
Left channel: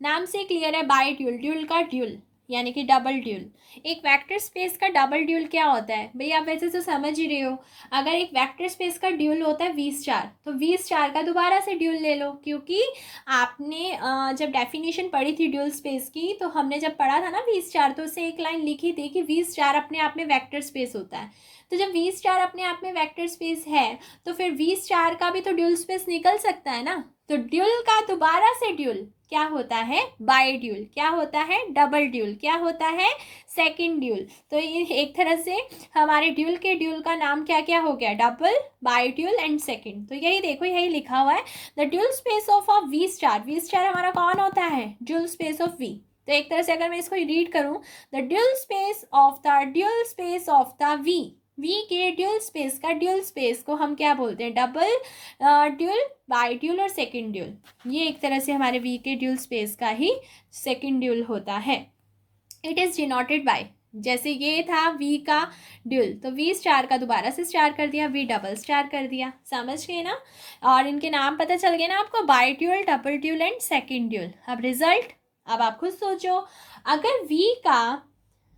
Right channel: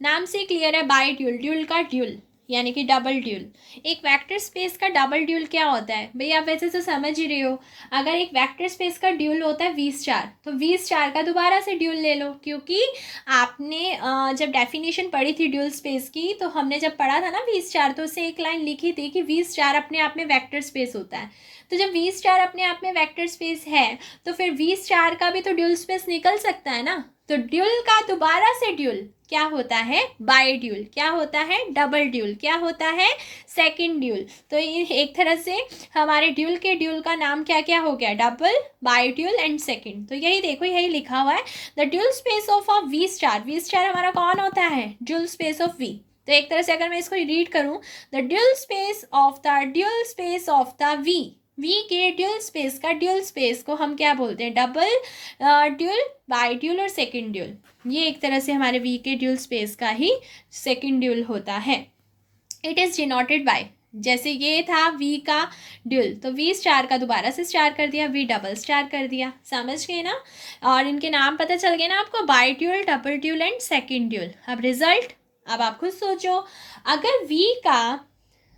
नाम से क्लियर है, बाईड्यूल, ड्यूल का ड्यूल यानी कि डबल ड्यूल. एक वेक्टर स्पेस का डबल ड्यूल क्या होता है भाई, आप वैसे तो समझ ही रहे हो. अगर एक वेक्टर स्पेस का ड्यूल होता है वी स्टार, तो वी स्टार का दोबारा से ड्यूल ले लो, क्योंकि आपने जब डेफिनेशन पढ़ी थी ड्यूल स्पेस की, तो हमने जब पढ़ा था ना वी स्टार, तो उससे एक लाइन लिखी थी कि वी स्टार अपने आप में वेक्टर स्पेस होता है. तो जब वी स्टार अपने आप में वेक्टर स्पेस है तो फिर वी स्टार का भी तो ड्यूल स्पेस निकल सकता है ना. तो ड्यूल का दोबारा से ड्यूल क्या होता है, बाई ड्यूल. क्या होता है, डबल ड्यूल. क्या होता है, सेकंड ड्यूल. तो ये एक तरह से हमारे ड्यूल के ड्यूल का नाम क्या क्या हो गया, double, bi dual and second. तो यही देखो, यही लिखा हुआ है, the dual space of a V star. V star हमारा कौन होता है, ड्यूल स्पेस ऑफ वी. तो एक तरह से अगर मैं इसको रीड करूं, the dual space of the V के ड्यूल स्पेस का ड्यूल स्पेस को हम क्या बोलते हैं, डबल ड्यूल, बाई ड्यूल और सेकंड ड्यूल. ये एक तरह से हमारे वी के ड्यूल स्पेस का ही सेकंड ड्यूल होता है. इट इज़ डिनोटेड बाय, जैसे ये था वी का ड्यूल, तो वी स्टार का दोबारा से स्टार कर दिया, वी डबल स्टार कर दिया. समझ गए ना. और इनके नाम पता चल गए ना आपको, by dual, double dual and second dual. अब रिजल्ट, अब आप खुद सोचो, अगर वी का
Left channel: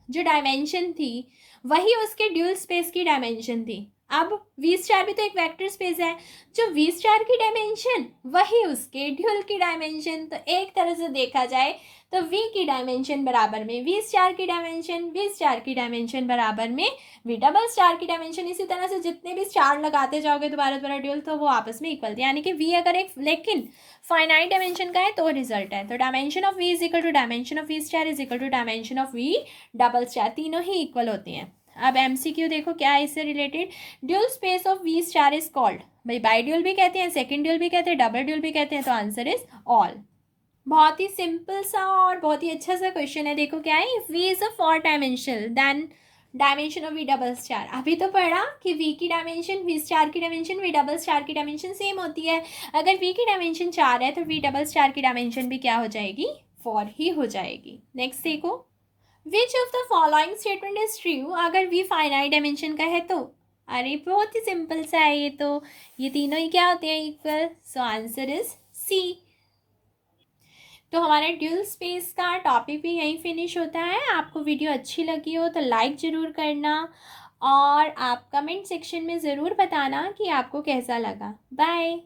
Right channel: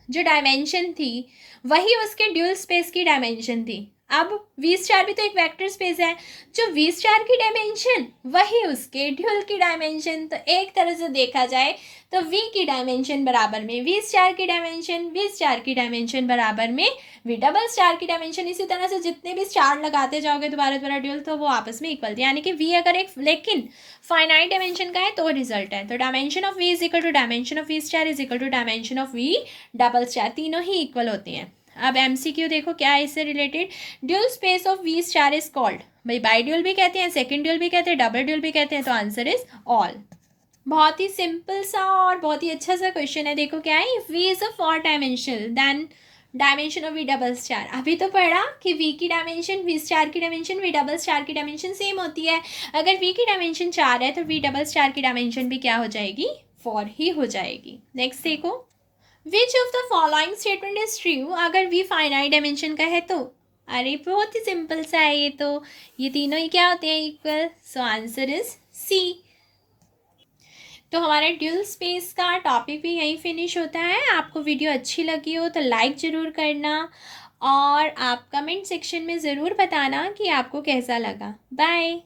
जो डायमेंशन थी वही उसके ड्यूल स्पेस की डायमेंशन थी. अब वी स्टार भी तो एक वेक्टर स्पेस है, जो वी स्टार की डायमेंशन वही उसके ड्यूल की डायमेंशन. तो एक तरह से देखा जाए तो वी की डायमेंशन बराबर में वी स्टार की डायमेंशन, वी स्टार की डायमेंशन बराबर में वी डबल स्टार की डायमेंशन. इसी तरह से जितने भी स्टार लगाते जाओगे दोबारा दोबारा ड्यूल, तो वो आपस में इक्वल, यानी कि वी अगर एक लेकिन फाइनाइट डायमेंशन का है तो रिजल्ट है. तो dimension of V is equal to dimension of V star is equal to dimension of V double star, तीनों ही इक्वल होती हैं. अब एमसीक्यू देखो क्या है इससे related, dual space of V star is called, भाई बाई ड्यूल भी कहते हैं, सेकंड ड्यूल भी कहते हैं, डबल ड्यूल भी कहते हैं. तो आंसर इज ऑल. बहुत ही सिंपल सा और बहुत ही अच्छा सा क्वेश्चन है. देखो क्या है, if V is a 4 dimensional then dimension of V double star. अभी तो पढ़ा कि वी की डायमेंशन, वी स्टार की डायमेंशन, वी डबल स्टार की डायमेंशन सेम होती है. अगर वी की डायमेंशन 4 है तो वी डबल स्टार की डायमेंशन भी क्या हो जाएगी, 4 ही हो जाएगी. नेक्स्ट देखो, which of the following statement is true अगर वी फाइनाइट डायमेंशन का है तो. अरे बहुत ही सिंपल सा है ये तो, ये तीनों ही क्या होते हैं, equal. So answer is C. तो हमारे ड्यूल स्पेस का टॉपिक भी यहीं फिनिश होता है. आपको वीडियो अच्छी लगी हो तो लाइक ज़रूर करना, और आप कमेंट सेक्शन में ज़रूर बताना कि आपको कैसा लगा. बाय.